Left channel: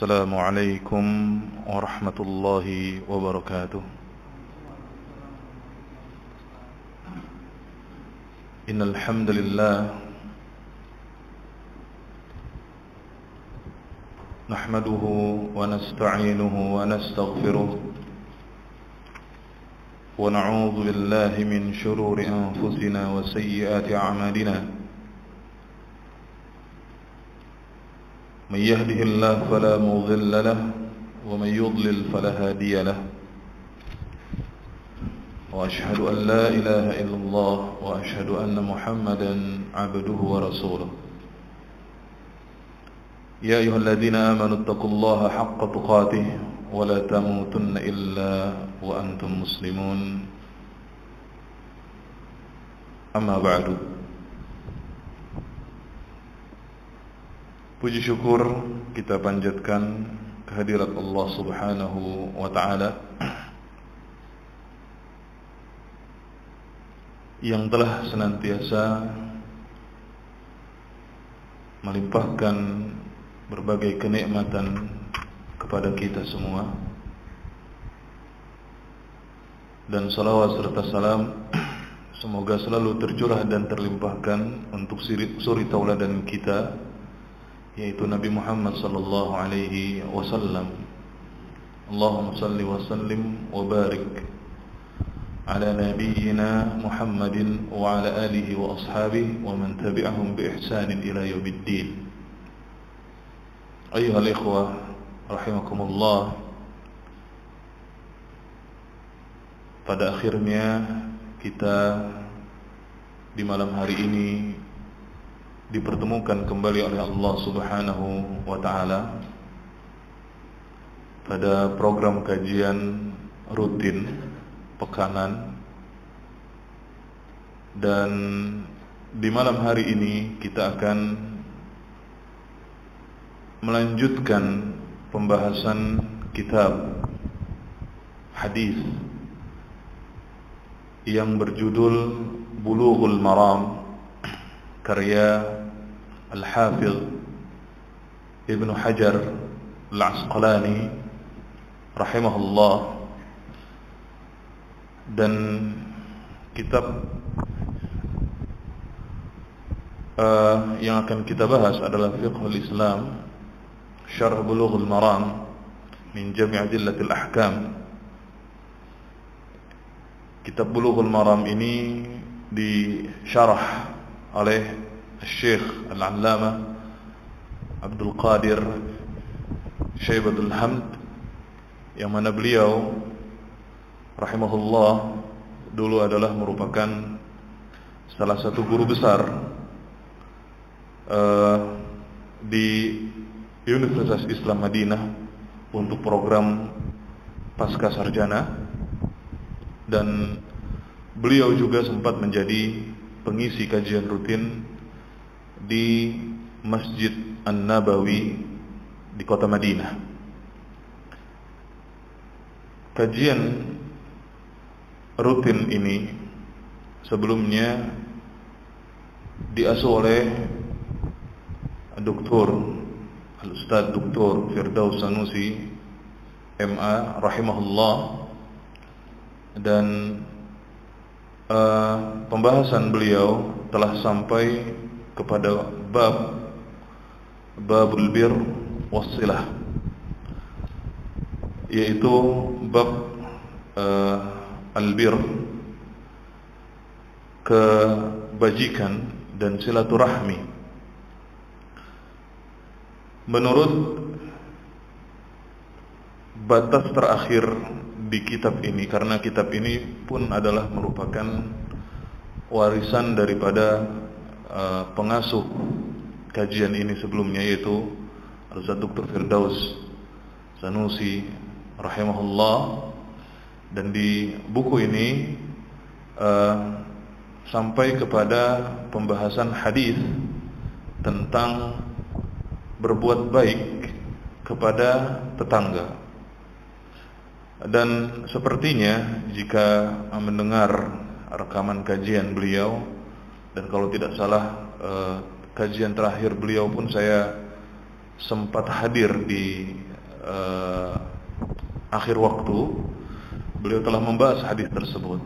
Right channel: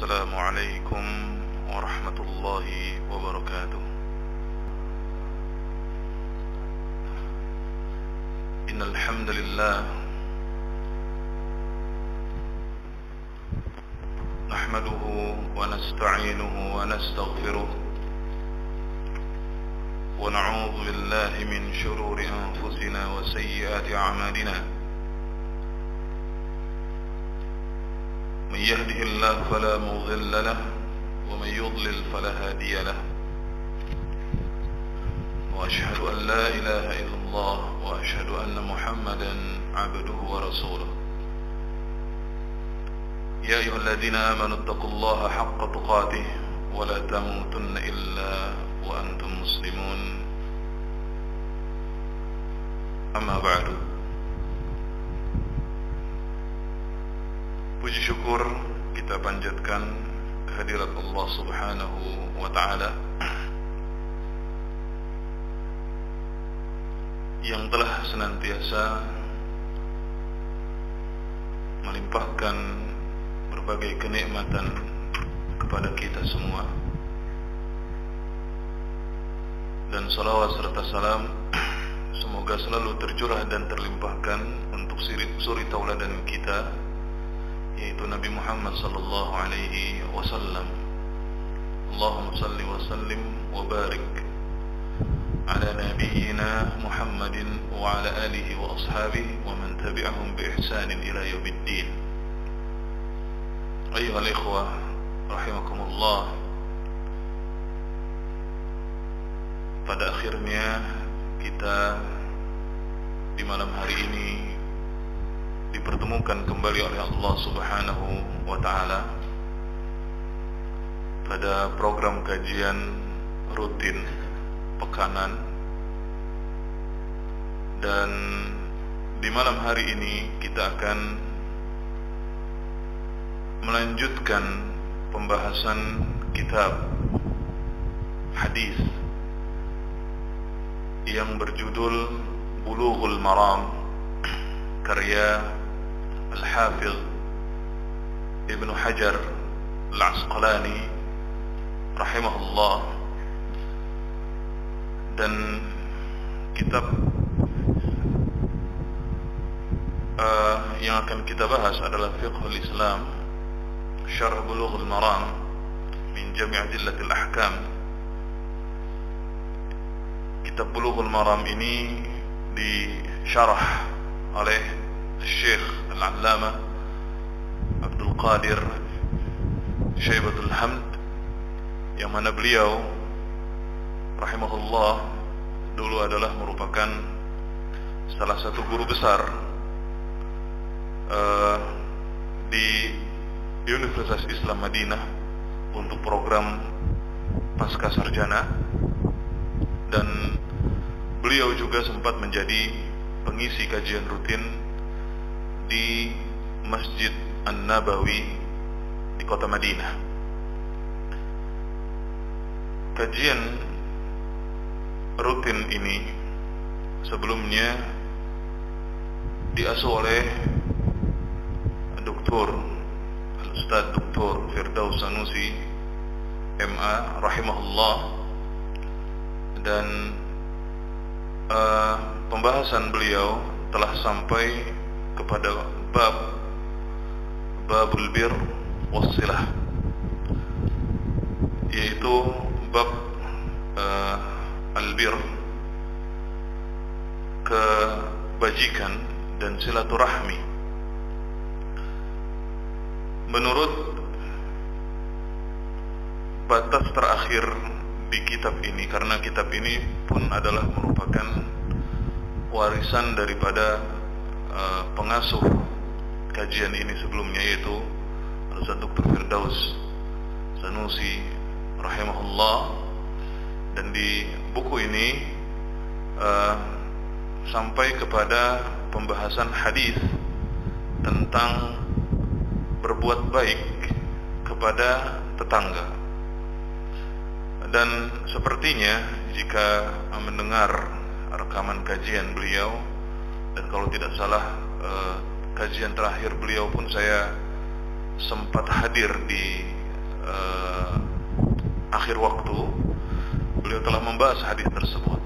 السلام عليكم ورحمة الله وبركاته. إن الحمد لله نحمده ونستعينه ونستغفره ونعوذ بالله من شرور أنفسنا وسيئات أعمالنا. من يهده الله فلا مضل له ومن يضلل فلا هادي له. وأشهد أن لا إله إلا الله وأشهد أن محمدا عبده ورسوله. يا أيها الذين آمنوا اتقوا الله حق تقاته ولا تموتن إلا وأنتم مسلمون. أما بعد. Puji syukur kita panjatkan kehadirat Allah Subhanahu wa Ta'ala yang telah senantiasa melimpahkan berbagai kenikmatan kepada kita semua, dan salawat serta salam semoga selalu tercurah dan terlimpahkan untuk suri tauladan kita, yaitu Nabi Muhammad sallallahu alaihi wasallam. Allahumma salli wa sallim wa barik ala nabiyyina Muhammadin wa ala alihi wa ashabihi wa man tabi'ahum bi ihsanin ila yaumiddin. Ayyuhal ikhwah rahimakumullah. Pada akhirnya kita di malam hari ini dipertemukan kembali oleh Allah Subhanahu wa Ta'ala pada program kajian rutin pekanan, dan di malam hari ini kita akan melanjutkan pembahasan kitab hadis yang berjudul Bulughul Maram karya Al-Hafidh Ibnu Hajar Al-Asqalani rahimahullah. Dan kitab yang akan kita bahas adalah Fiqhul Islam Syarh Bulughul Maram min Jami' Adillatil Ahkam. Kitab Bulughul Maram ini disyarah oleh Syekh Al-Allamah Abdul Qadir Syaibatul Hamd, yang mana beliau rahimahullah dulu adalah merupakan salah satu guru besar di Universitas Islam Madinah untuk program pasca sarjana, dan beliau juga sempat menjadi pengisi kajian rutin di Masjid An-Nabawi di kota Madinah. Kajian rutin ini sebelumnya diasuh oleh Al-Ustadz Dr. Firdaus Sanusi MA rahimahullah, dan pembahasan beliau telah sampai kepada babul bir wassilah, yaitu bab albir, kebajikan dan silaturahmi. Menurut batas terakhir di kitab ini, karena kitab ini pun adalah merupakan warisan daripada pengasuh kajian ini sebelumnya, yaitu Al-Ustadz Dr. Firdaus Sanusi rahimahullah. Dan di buku ini sampai kepada pembahasan hadis tentang berbuat baik kepada tetangga. Dan sepertinya jika mendengar rekaman kajian beliau, dan kalau tidak salah kajian terakhir beliau pun saya sempat hadir di akhir waktu, beliau telah membahas hadis tersebut,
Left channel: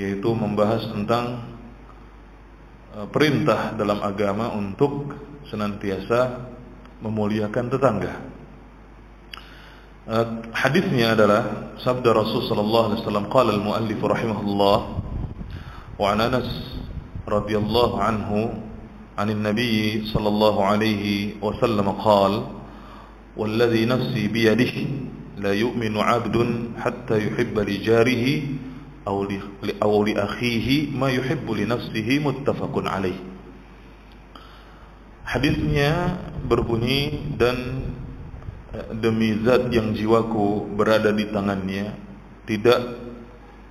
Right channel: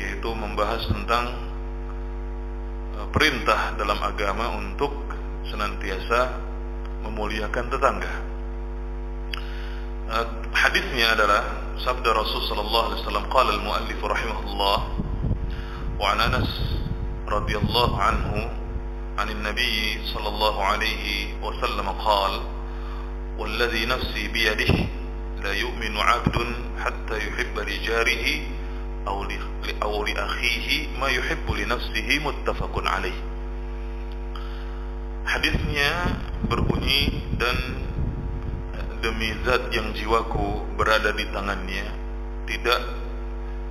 yaitu membahas tentang perintah dalam agama untuk senantiasa memuliakan tetangga. Hadisnya adalah sabda Rasul sallallahu alaihi wasallam, qala al-muallif rahimahullah, wa an Anas radhiyallahu anhu عن النبي صلى الله عليه وسلم قال والذي نفسي بيده لا يؤمن عبد حتى يحب لجاره أو لأخيه ما يحب لنفسه متفق عليه. Hadisnya berbunyi, dan demi zat yang jiwaku berada di tangannya, tidak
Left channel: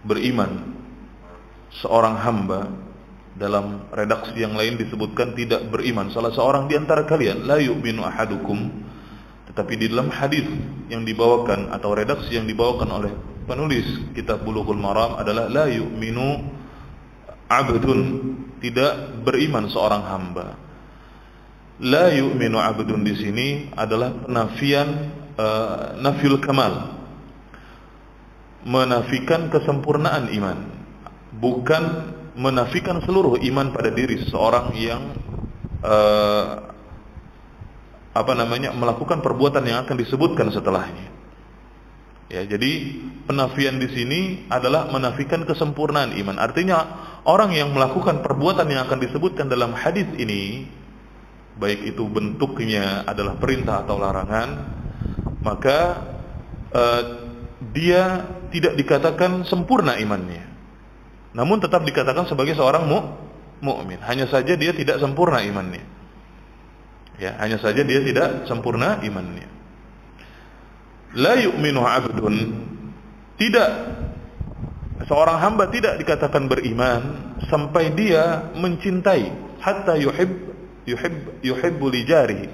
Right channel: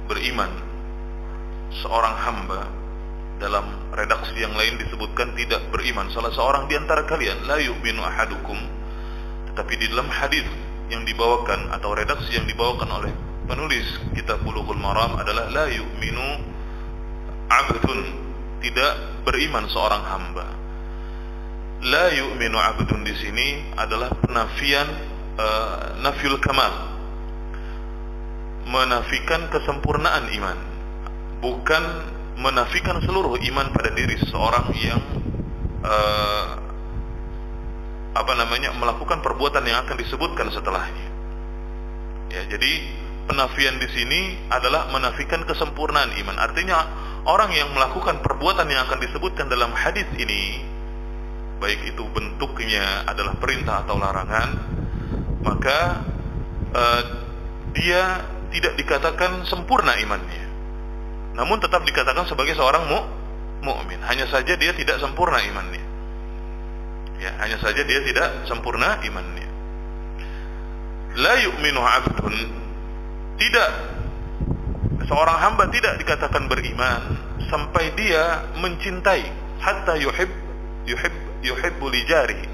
beriman seorang hamba. Dalam redaksi yang lain disebutkan tidak beriman salah seorang di antara kalian, la yu'minu ahadukum. Tetapi di dalam hadis yang dibawakan atau redaksi yang dibawakan oleh penulis kitab Bulughul Maram adalah la yu'minu abdun, tidak beriman seorang hamba. La yu'minu abdun di sini adalah penafian nafyul kamal, menafikan kesempurnaan iman, bukan menafikan seluruh iman pada diri seseorang yang melakukan perbuatan yang akan disebutkan setelahnya. Ya, jadi penafian di sini adalah menafikan kesempurnaan iman. Artinya orang yang melakukan perbuatan yang akan disebutkan dalam hadis ini, baik itu bentuknya adalah perintah atau larangan, maka dia tidak dikatakan sempurna imannya, namun tetap dikatakan sebagai seorang mukmin. Hanya saja dia tidak sempurna imannya. Ya, hanya saja dia tidak sempurna imannya. La yu'minu 'abdun, tidak, seorang hamba tidak dikatakan beriman sampai dia mencintai, hatta yuhibbu li jarihi.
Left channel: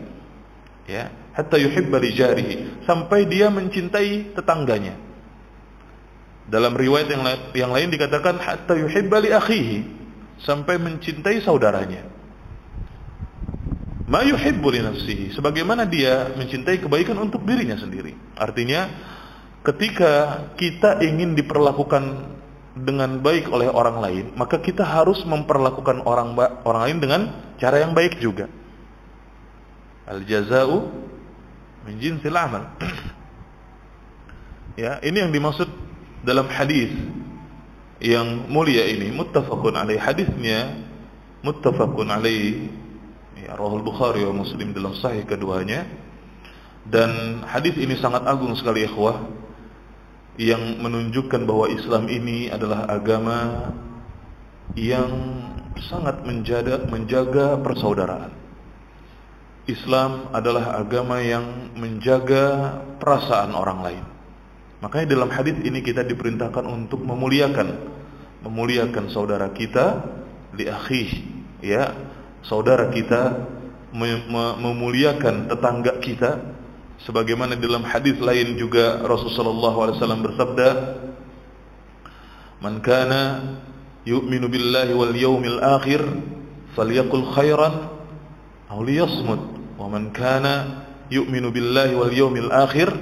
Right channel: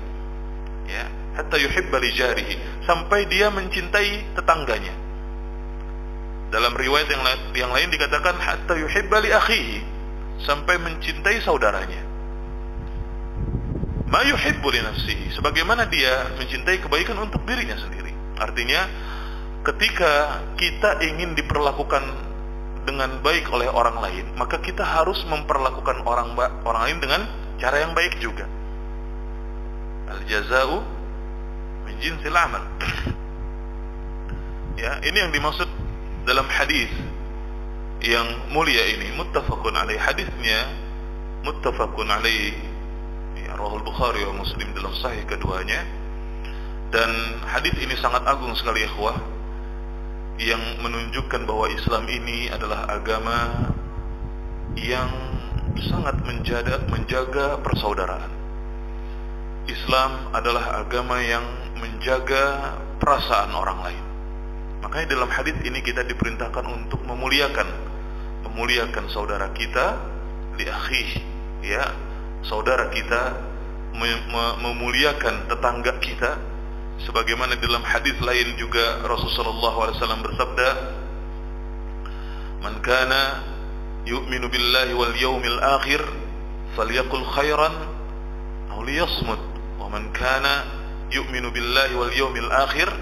Ya, hatta yuhibba li jarihi, sampai dia mencintai tetangganya. Dalam riwayat yang lain dikatakan hatta yuhibba li akhihi, sampai mencintai saudaranya. Ma yuhibbu li nafsihi, sebagaimana dia mencintai kebaikan untuk dirinya sendiri. Artinya ketika kita ingin diperlakukan dengan baik oleh orang lain, maka kita harus memperlakukan orang lain dengan cara yang baik juga. Al jaza'u min jinsil amal. Ya, ini yang dimaksud dalam hadis yang mulia ini, muttafaqun alaih. Hadisnya muttafaqun alaih, ya, rawahul Bukhari wa Muslim dalam sahih keduanya. Dan hadis ini sangat agung sekali, ikhwah, yang menunjukkan bahwa Islam ini adalah agama yang sangat menjaga persaudaraan. Islam adalah agama yang menjaga perasaan orang lain. Makanya dalam hadis ini kita diperintahkan untuk memuliakan saudara kita, li akhi, ya, saudara kita, memuliakan tetangga kita. Sebagaimana dalam hadis lain juga Rasulullah SAW bersabda, "Man kana yu'minu billahi wal yawmil akhir falyaqul khairan aw liyasmut, wa man kana yu'minu billahi wal yawmil akhir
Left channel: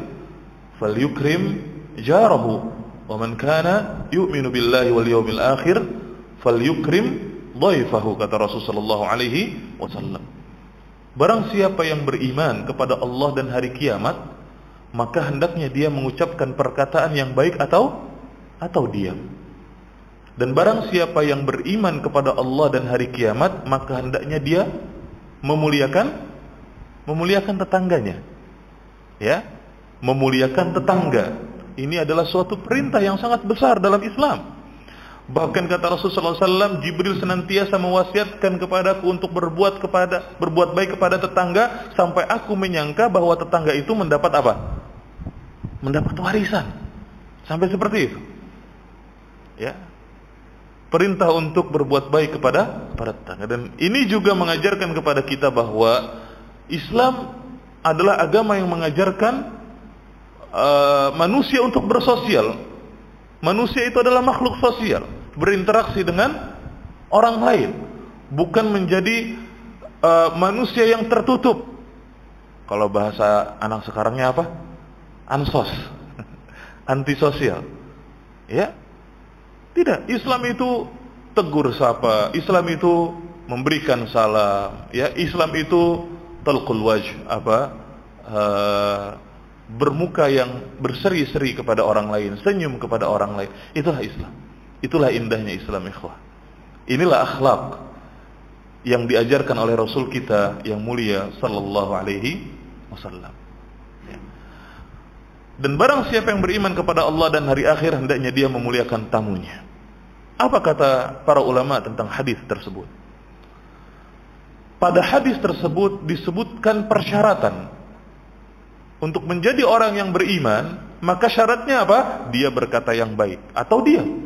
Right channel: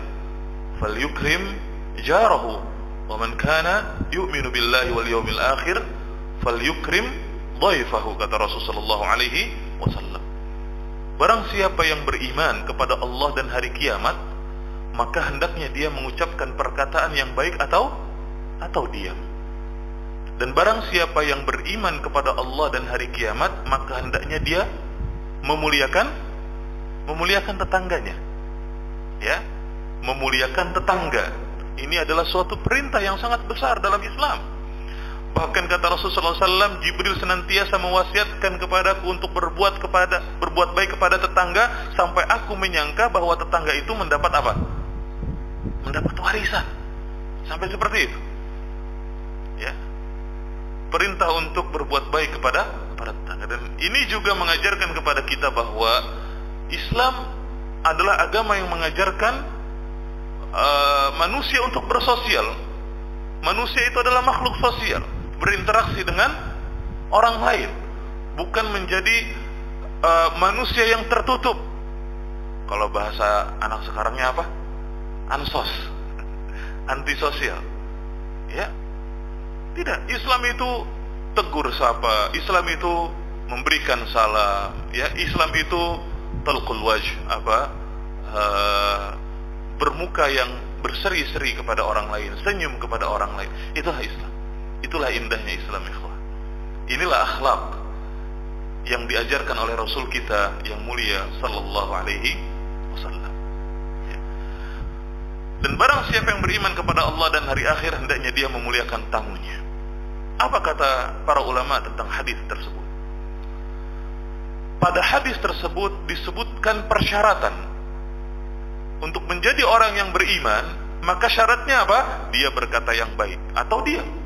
falyukrim jarahu, wa man kana yu'minu billahi wal yawmil akhir falyukrim dhaifahu," kata Rasulullah SAW. Barang siapa yang beriman kepada Allah dan hari kiamat, maka hendaknya dia mengucapkan perkataan yang baik atau diam. Dan barang siapa yang beriman kepada Allah dan hari kiamat, maka hendaknya dia memuliakan tetangganya. Ya, memuliakan tetangga. Ini adalah suatu perintah yang sangat besar dalam Islam. Bahkan kata Rasulullah SAW, Jibril senantiasa mewasiatkan kepadaku untuk berbuat baik kepada tetangga, sampai aku menyangka bahwa tetangga itu mendapat apa? Mendapat warisan. Sampai seperti itu. Ya. Perintah untuk berbuat baik kepada tetangga. Dan ini juga mengajarkan kepada kita bahwa Islam adalah agama yang mengajarkan manusia untuk bersosial. Manusia itu adalah makhluk sosial, berinteraksi dengan orang lain, bukan menjadi manusia yang tertutup. Kalau bahasa anak sekarangnya apa? ansos, antisosial. Ya. Tidak, Islam itu tegur sapa, Islam itu memberikan salam, ya, Islam itu talqul wajh, bermuka yang berseri-seri kepada orang lain, senyum kepada orang lain. Itulah Islam. Itulah indahnya Islam, ikhwah. Inilah akhlak yang diajarkan oleh Rasul kita yang mulia sallallahu alaihi wasallam. Ya. Dan barang siapa yang beriman kepada Allah dan hari akhir, hendaknya dia memuliakan tamunya. Apa kata para ulama tentang hadis tersebut? Pada hadis tersebut disebutkan persyaratan untuk menjadi orang yang beriman. Maka syaratnya apa? Dia berkata yang baik atau diam.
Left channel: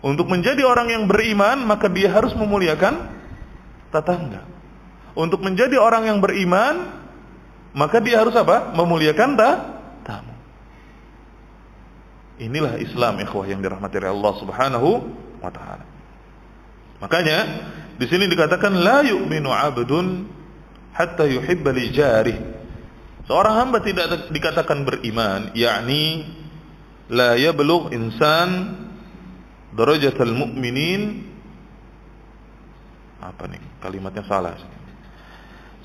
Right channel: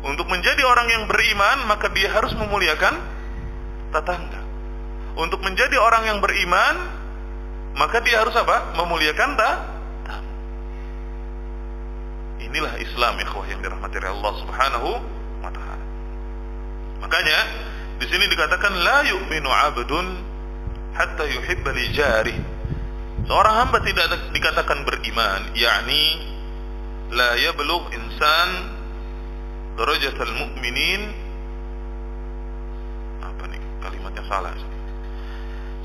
Untuk menjadi orang yang beriman, maka dia harus memuliakan tetangga. Untuk menjadi orang yang beriman, maka dia harus apa? Memuliakan tamu. Inilah Islam, ikhwah, yang dirahmati oleh Allah Subhanahu wa taala. Makanya di sini dikatakan la yu'minu 'abdun hatta yuhibba li jarih. Seorang hamba tidak dikatakan beriman, yakni la yablugh insan darajatul mu'minin. Apa nih? Kalimatnya salah.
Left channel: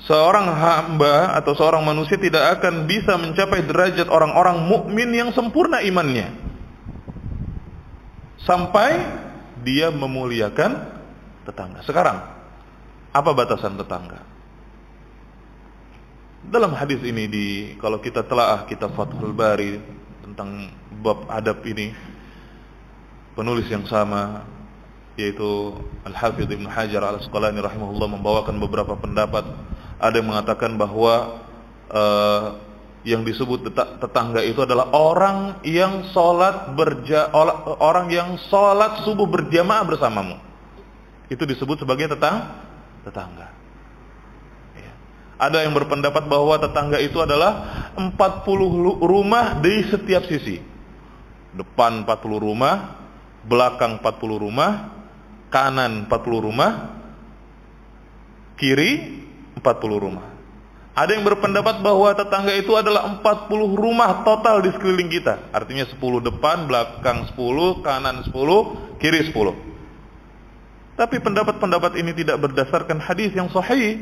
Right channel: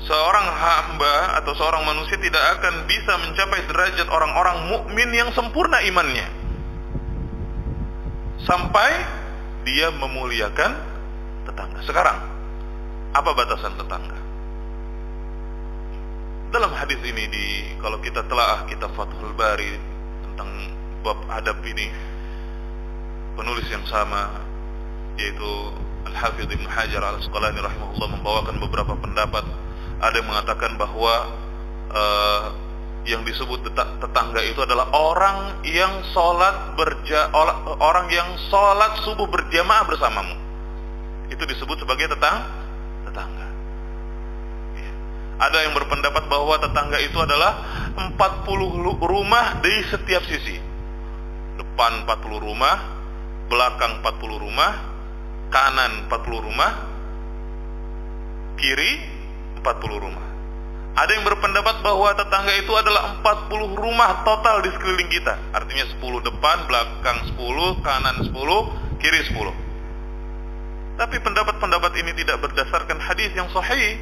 Seorang hamba atau seorang manusia tidak akan bisa mencapai derajat orang-orang mukmin yang sempurna imannya sampai dia memuliakan tetangga. Sekarang, apa batasan tetangga? Dalam hadis ini, kalau kita telaah kitab Fathul Bari tentang bab adab ini, penulis yang sama, yaitu Al-Hafidz Ibnu Hajar Al-Asqalani rahimahullah, membawakan beberapa pendapat. Ada yang mengatakan bahwa yang disebut tetangga itu adalah orang yang sholat subuh berjamaah bersamamu. Itu disebut sebagai tetangga. Ya. Ada yang berpendapat bahwa tetangga itu adalah 40 rumah di setiap sisi. Depan 40 rumah, belakang 40 rumah, kanan 40 rumah, kiri 40 rumah. Ada yang berpendapat bahwa tetangga itu adalah 40 rumah total di sekeliling kita. Artinya 10 depan, belakang 10, kanan 10, kiri 10. Tapi pendapat-pendapat ini tidak berdasarkan hadis yang sahih.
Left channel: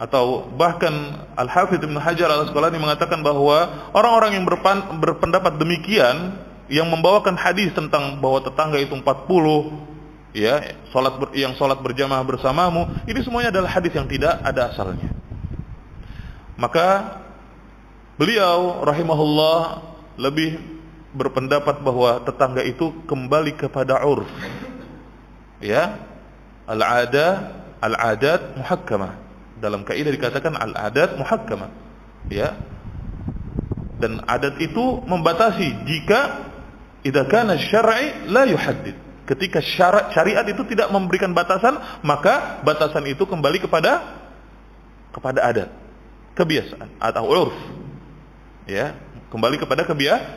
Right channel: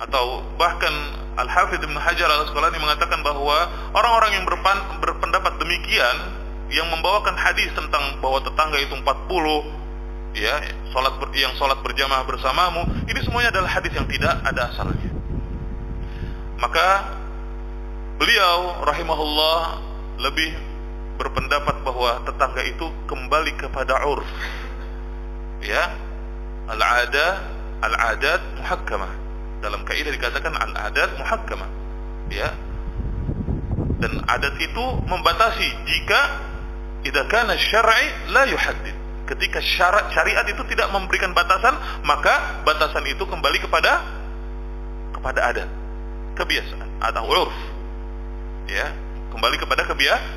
Atau bahkan Al-Hafidz Ibnu Hajar Al-Asqalani mengatakan bahwa orang-orang yang berpendapat demikian, yang membawakan hadis tentang bahwa tetangga itu 40, ya, yang sholat berjamaah bersamamu, ini semuanya adalah hadis yang tidak ada asalnya. Maka beliau rahimahullah lebih berpendapat bahwa tetangga itu kembali kepada urf, ya, al-adat muhakkamah. Dalam kaidah dikatakan al-adat muhakkamah, ya. Dan adat itu membatasi jika idza kana syar'i la yuhaddid. Ketika syariat itu tidak memberikan batasan, maka batasan itu kembali kepada adat, kebiasaan atau urf. Ya, kembali kepada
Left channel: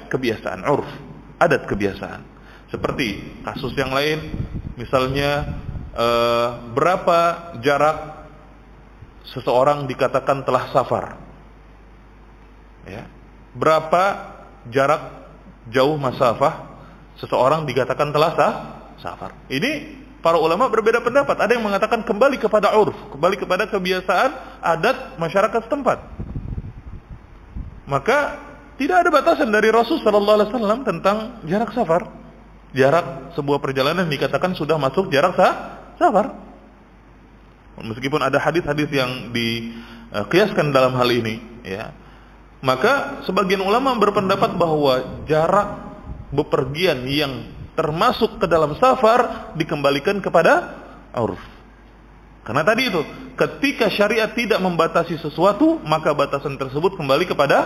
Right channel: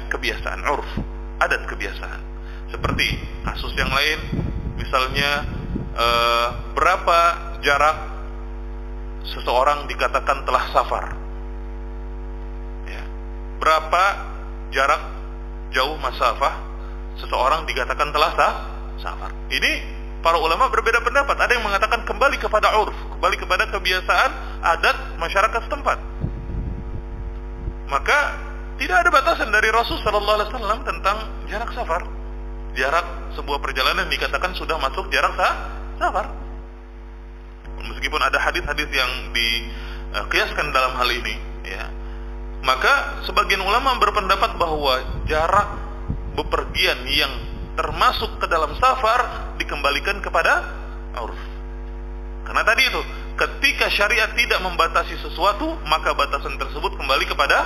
kebiasaan, urf, adat, kebiasaan. Seperti kasus yang lain, misalnya berapa jarak seseorang dikatakan telah safar. Ya. Berapa jarak jauh masafah seseorang dikatakan telah safar. Ini para ulama berbeda pendapat. Ada yang mengatakan kembali kepada urf, kembali kepada kebiasaan adat masyarakat setempat. Maka tidak ada batasan dari Rasul sallallahu alaihi wasallam tentang jarak safar. Jarak sebuah perjalanan dikatakan sudah masuk jarak safar. Meskipun ada hadis-hadis yang dikiaskan dalam hal ini, ya. Maka sebagian ulama berpendapat bahwa jarak bepergian yang termasuk ke dalam safar dikembalikan kepada urf. Karena tadi itu, ketika syariat tidak membatasi sesuatu, maka batasan tersebut kembali kepada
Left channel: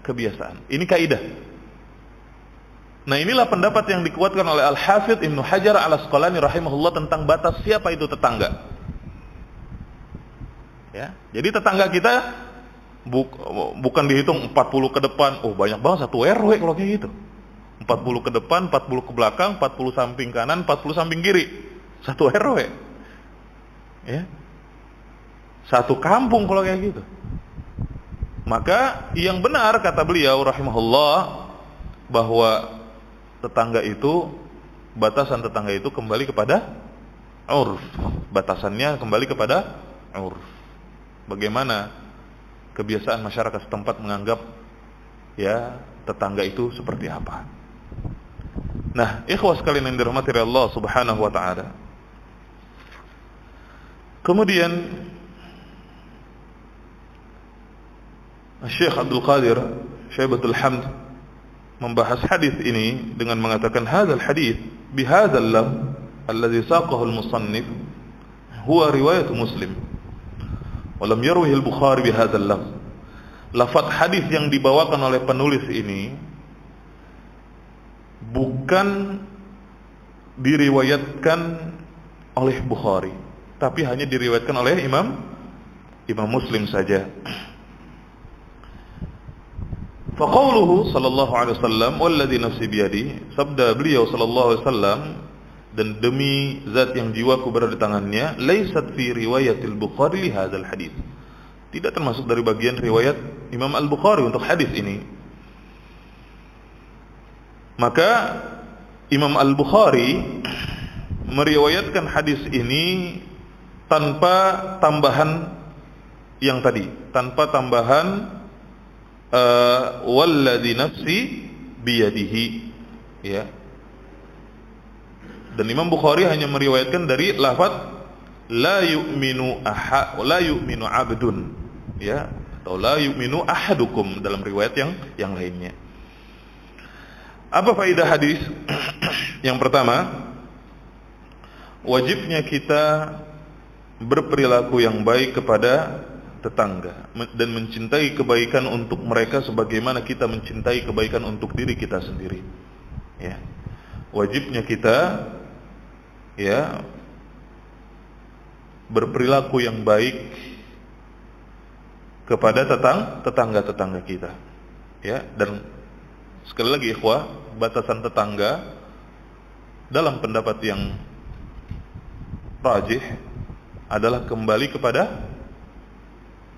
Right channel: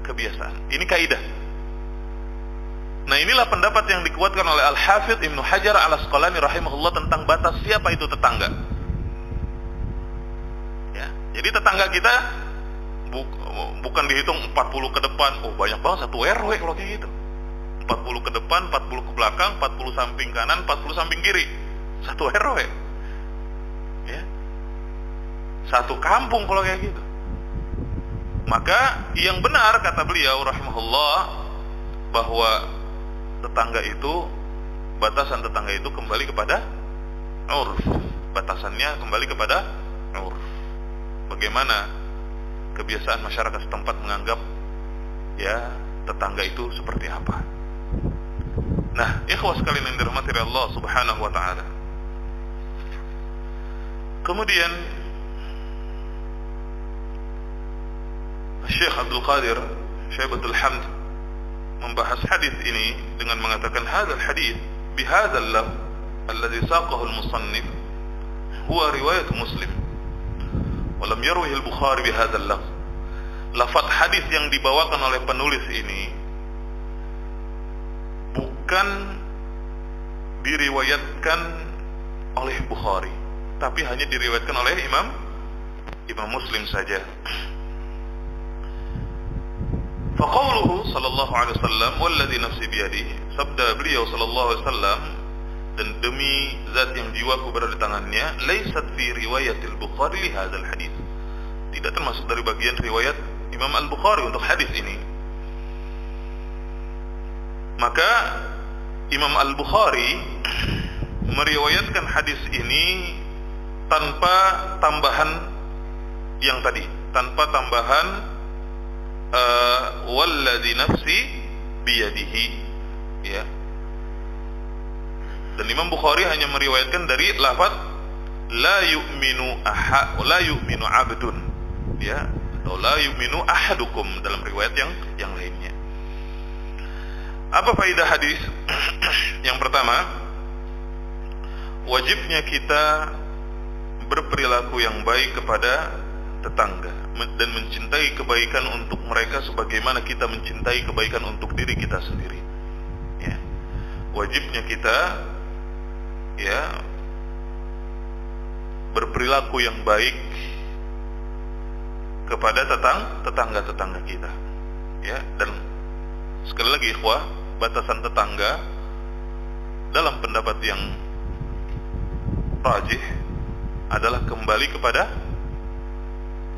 kebiasaan. Ini kaidah. Nah, inilah pendapat yang dikuatkan oleh Al-Hafidz Ibnu Hajar Al-Asqalani rahimahullah tentang batas siapa itu tetangga. Ya, jadi tetangga kita bukan dihitung 40 ke depan. Oh, banyak banget satu RW kalau kayak gitu. 40 ke depan, 40 ke belakang, 40 samping kanan, 40 samping kiri. Satu RW. Ya. Satu kampung kalau kayak gitu. Maka yang benar kata beliau rahimahullah bahwa tetangga itu, batasan tetangga itu kembali kepada urf. Batasannya kembali kepada urf. Bagaimana kebiasaan masyarakat setempat menganggap ya tetangga itu seperti apa. Nah, ikhwah sekalian yang dirahmati Allah Subhanahu wa taala. Kemudian Syekh Abdul Qadir Syaibatul Hamd membahas hadis ini dengan mengatakan hadzal hadis bihadzal lafz alladhi saqahu al-musannif huwa riwayat Muslim wa lam yarwihi al-Bukhari bihadzal lafz. Lafaz hadis yang dibawakan oleh penulis ini bukan diriwayatkan oleh Bukhari, tapi hanya diriwayatkan oleh Imam Muslim saja. Faqauluhu sallallahu alaihi wasallam walladzi nafsi biyadi, sabda beliau sallallahu alaihi wasallam, dan demi zat yang jiwaku berada di tangannya, laisat fi riwayatil Bukhari li hadzal hadis, tidak termasuk dari bagian riwayat Imam Al-Bukhari untuk hadis ini. Maka Imam Al-Bukhari meriwayatkan hadis ini tanpa tambahan yang tadi, tanpa tambahan walladzi nafsi biyadihi, ya. Dan Imam Bukhari hanya meriwayatkan dari lafaz la yu'minu abdun, ya, atau la yu'minu ahadukum dalam riwayat yang lainnya. Apa faedah hadis? Yang pertama, wajibnya kita berperilaku yang baik kepada tetangga dan mencintai kebaikan untuk mereka sebagaimana kita mencintai kebaikan untuk diri kita sendiri. Ya. Wajibnya kita ya berperilaku yang baik kepada tetangga-tetangga kita. Ya, dan sekali lagi ikhwah, batasan tetangga dalam pendapat yang rajih adalah kembali kepada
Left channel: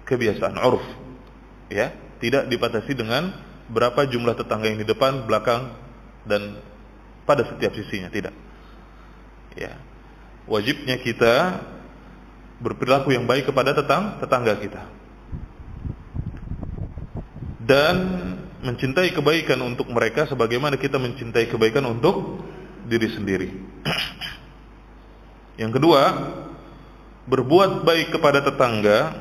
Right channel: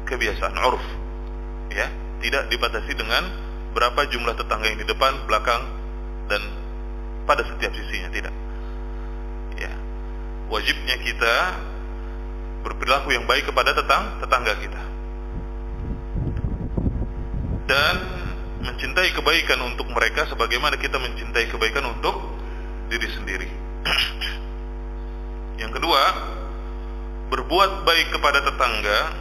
kebiasaan urf, ya, tidak dibatasi dengan berapa jumlah tetangga yang di depan, belakang, dan pada setiap sisinya, tidak. Ya, wajibnya kita berperilaku yang baik kepada tetangga kita dan mencintai kebaikan untuk mereka sebagaimana kita mencintai kebaikan untuk diri sendiri. Yang kedua, berbuat baik kepada tetangga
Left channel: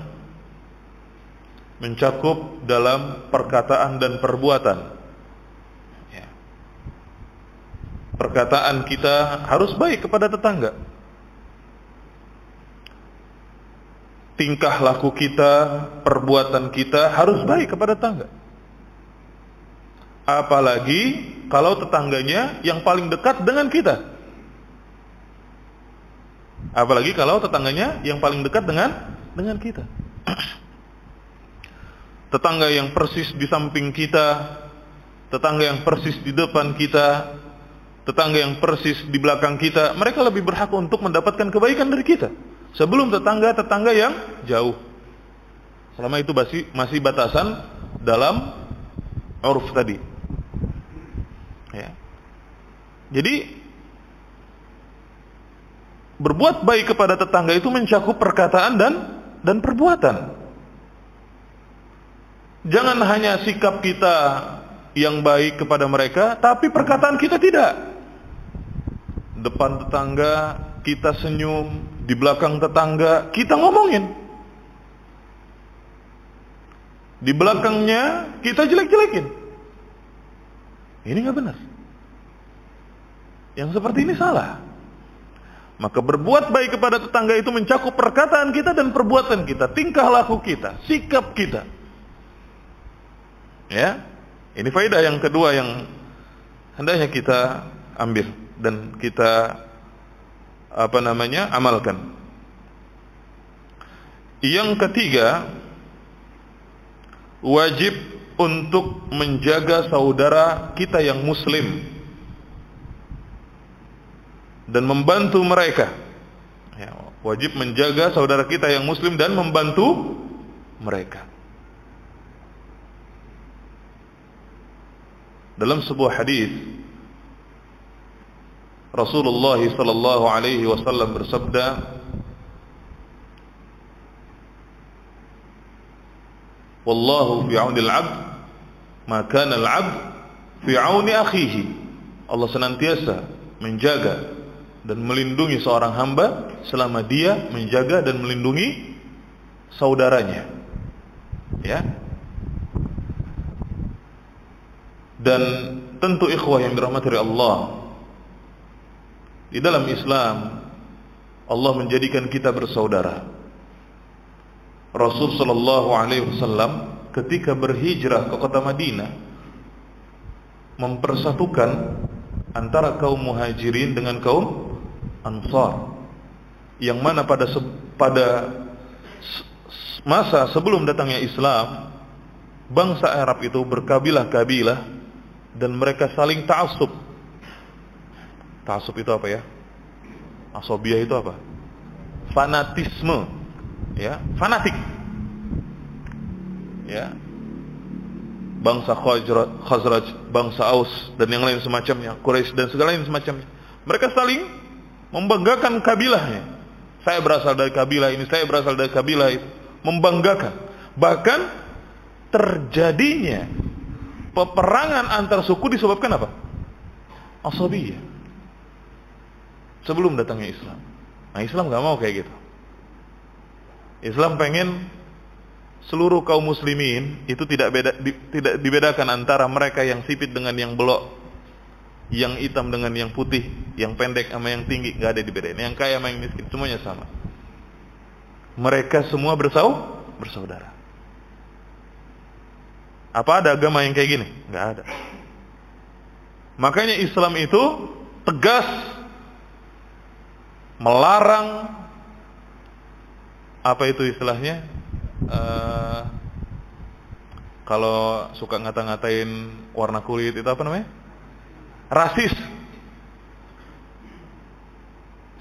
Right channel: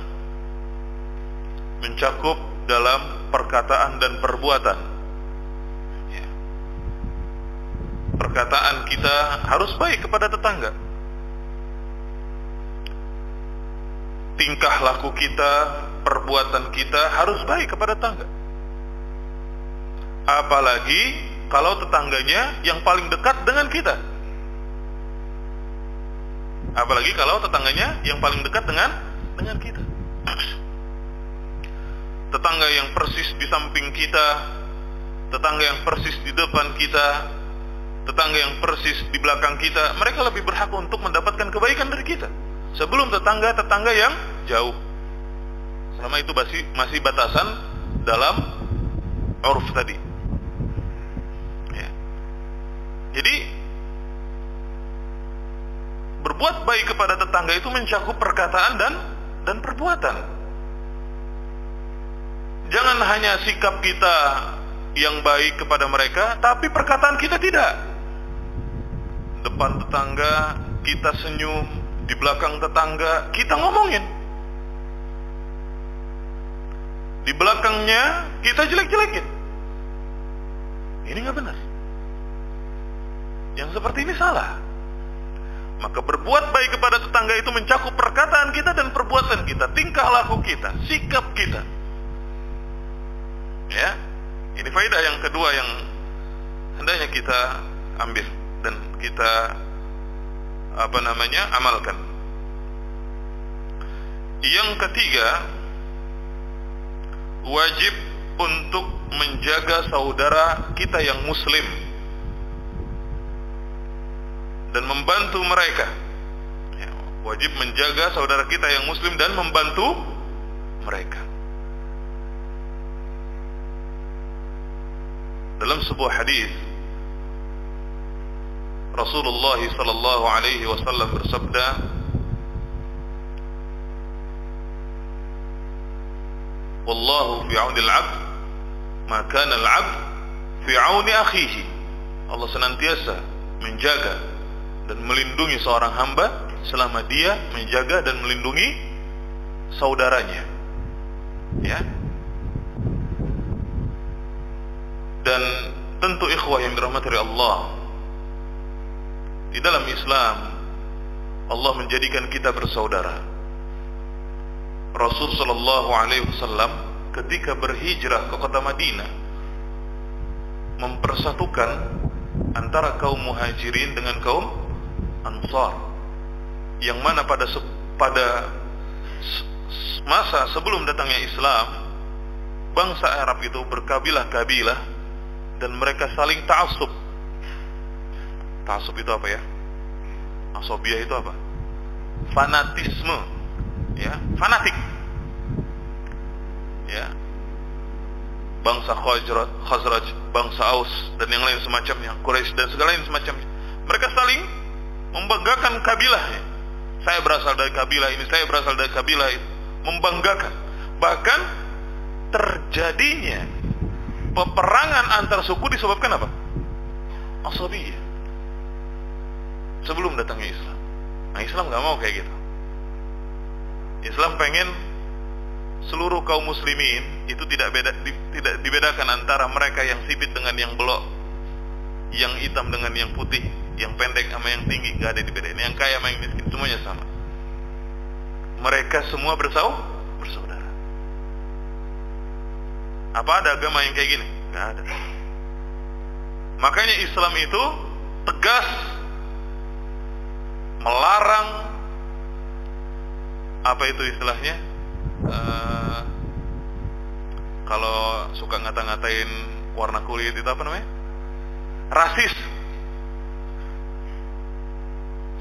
mencakup dalam perkataan dan perbuatan. Ya. Perkataan kita harus baik kepada tetangga. Tingkah laku kita, perbuatan kita harus baik kepada tetangga. Apalagi kalau tetangganya yang paling dekat dengan kita. Apalagi kalau tetangganya yang paling dekat dengan kita. Tetangga yang persis di samping kita, tetangga yang persis di depan kita, tetangga yang persis di belakang kita, mereka lebih berhak untuk mendapatkan kebaikan dari kita sebelum tetangga-tetangga yang jauh. Selama itu masih batasan dalam uruf tadi. Ya. Jadi berbuat baik kepada tetangga itu mencakup perkataan dan perbuatan. Jangan hanya sikap kita yang baik kepada mereka, tapi perkataan kita tidak. Depan tetangga kita senyum, di belakang tetangga kita ngomongin, di belakangnya kita jelek-jelekin. Ini nggak benar. Yang seperti ini salah. Maka berbuat baik kepada tetangga itu mencakup perkataan kita dan perbuatan kita, tingkah laku kita, sikap kita. Ya, ini faedah yang kedua yang hendaknya kita ambil dan kita amalkan. Yang ketiga, wajib untuk menjaga saudara kita yang muslim dan membantu mereka. Ya, wajib menjaga saudara kita yang muslim dan membantu mereka. Dalam sebuah hadis Rasulullah sallallahu alaihi wasallam bersabda, "Wallahu fi 'auni al-'abd, ma kana al-'abd fi 'auni akhihi." Allah senantiasa menjaga dan melindungi seorang hamba selama dia menjaga dan melindungi saudaranya. Ya. Dan tentu ikhwah yang dirahmati oleh Allah, di dalam Islam Allah menjadikan kita bersaudara. Rasul sallallahu alaihi wasallam ketika berhijrah ke kota Madinah mempersatukan antara kaum Muhajirin dengan kaum Ansar, yang mana pada masa sebelum datangnya Islam, bangsa Arab itu berkabilah-kabilah dan mereka saling ta'assub. Ta'assub itu apa ya? Asobiyah itu apa? Fanatisme, ya, fanatik. Ya. Bangsa Khazraj, bangsa Aus dan yang lain semacamnya, Quraisy dan segala yang semacamnya. Mereka saling membanggakan kabilahnya. Saya berasal dari kabilah ini, saya berasal dari kabilah itu. Membanggakan. Bahkan terjadinya peperangan antar suku disebabkan apa? Asabiyah. Sebelum datangnya Islam. Nah, Islam gak mau kayak gitu. Islam pengen seluruh kaum muslimin itu tidak dibedakan antara mereka yang sipit dengan yang belok, yang hitam dengan yang putih, yang pendek sama yang tinggi, gak ada dibedain. Yang kaya sama yang miskin, semuanya sama. Mereka semua bersaudara. Apa ada agama yang kayak gini? Gak ada. Makanya Islam itu tegas melarang, apa itu istilahnya, kalau suka ngata-ngatain warna kulit itu apa namanya? Rasis.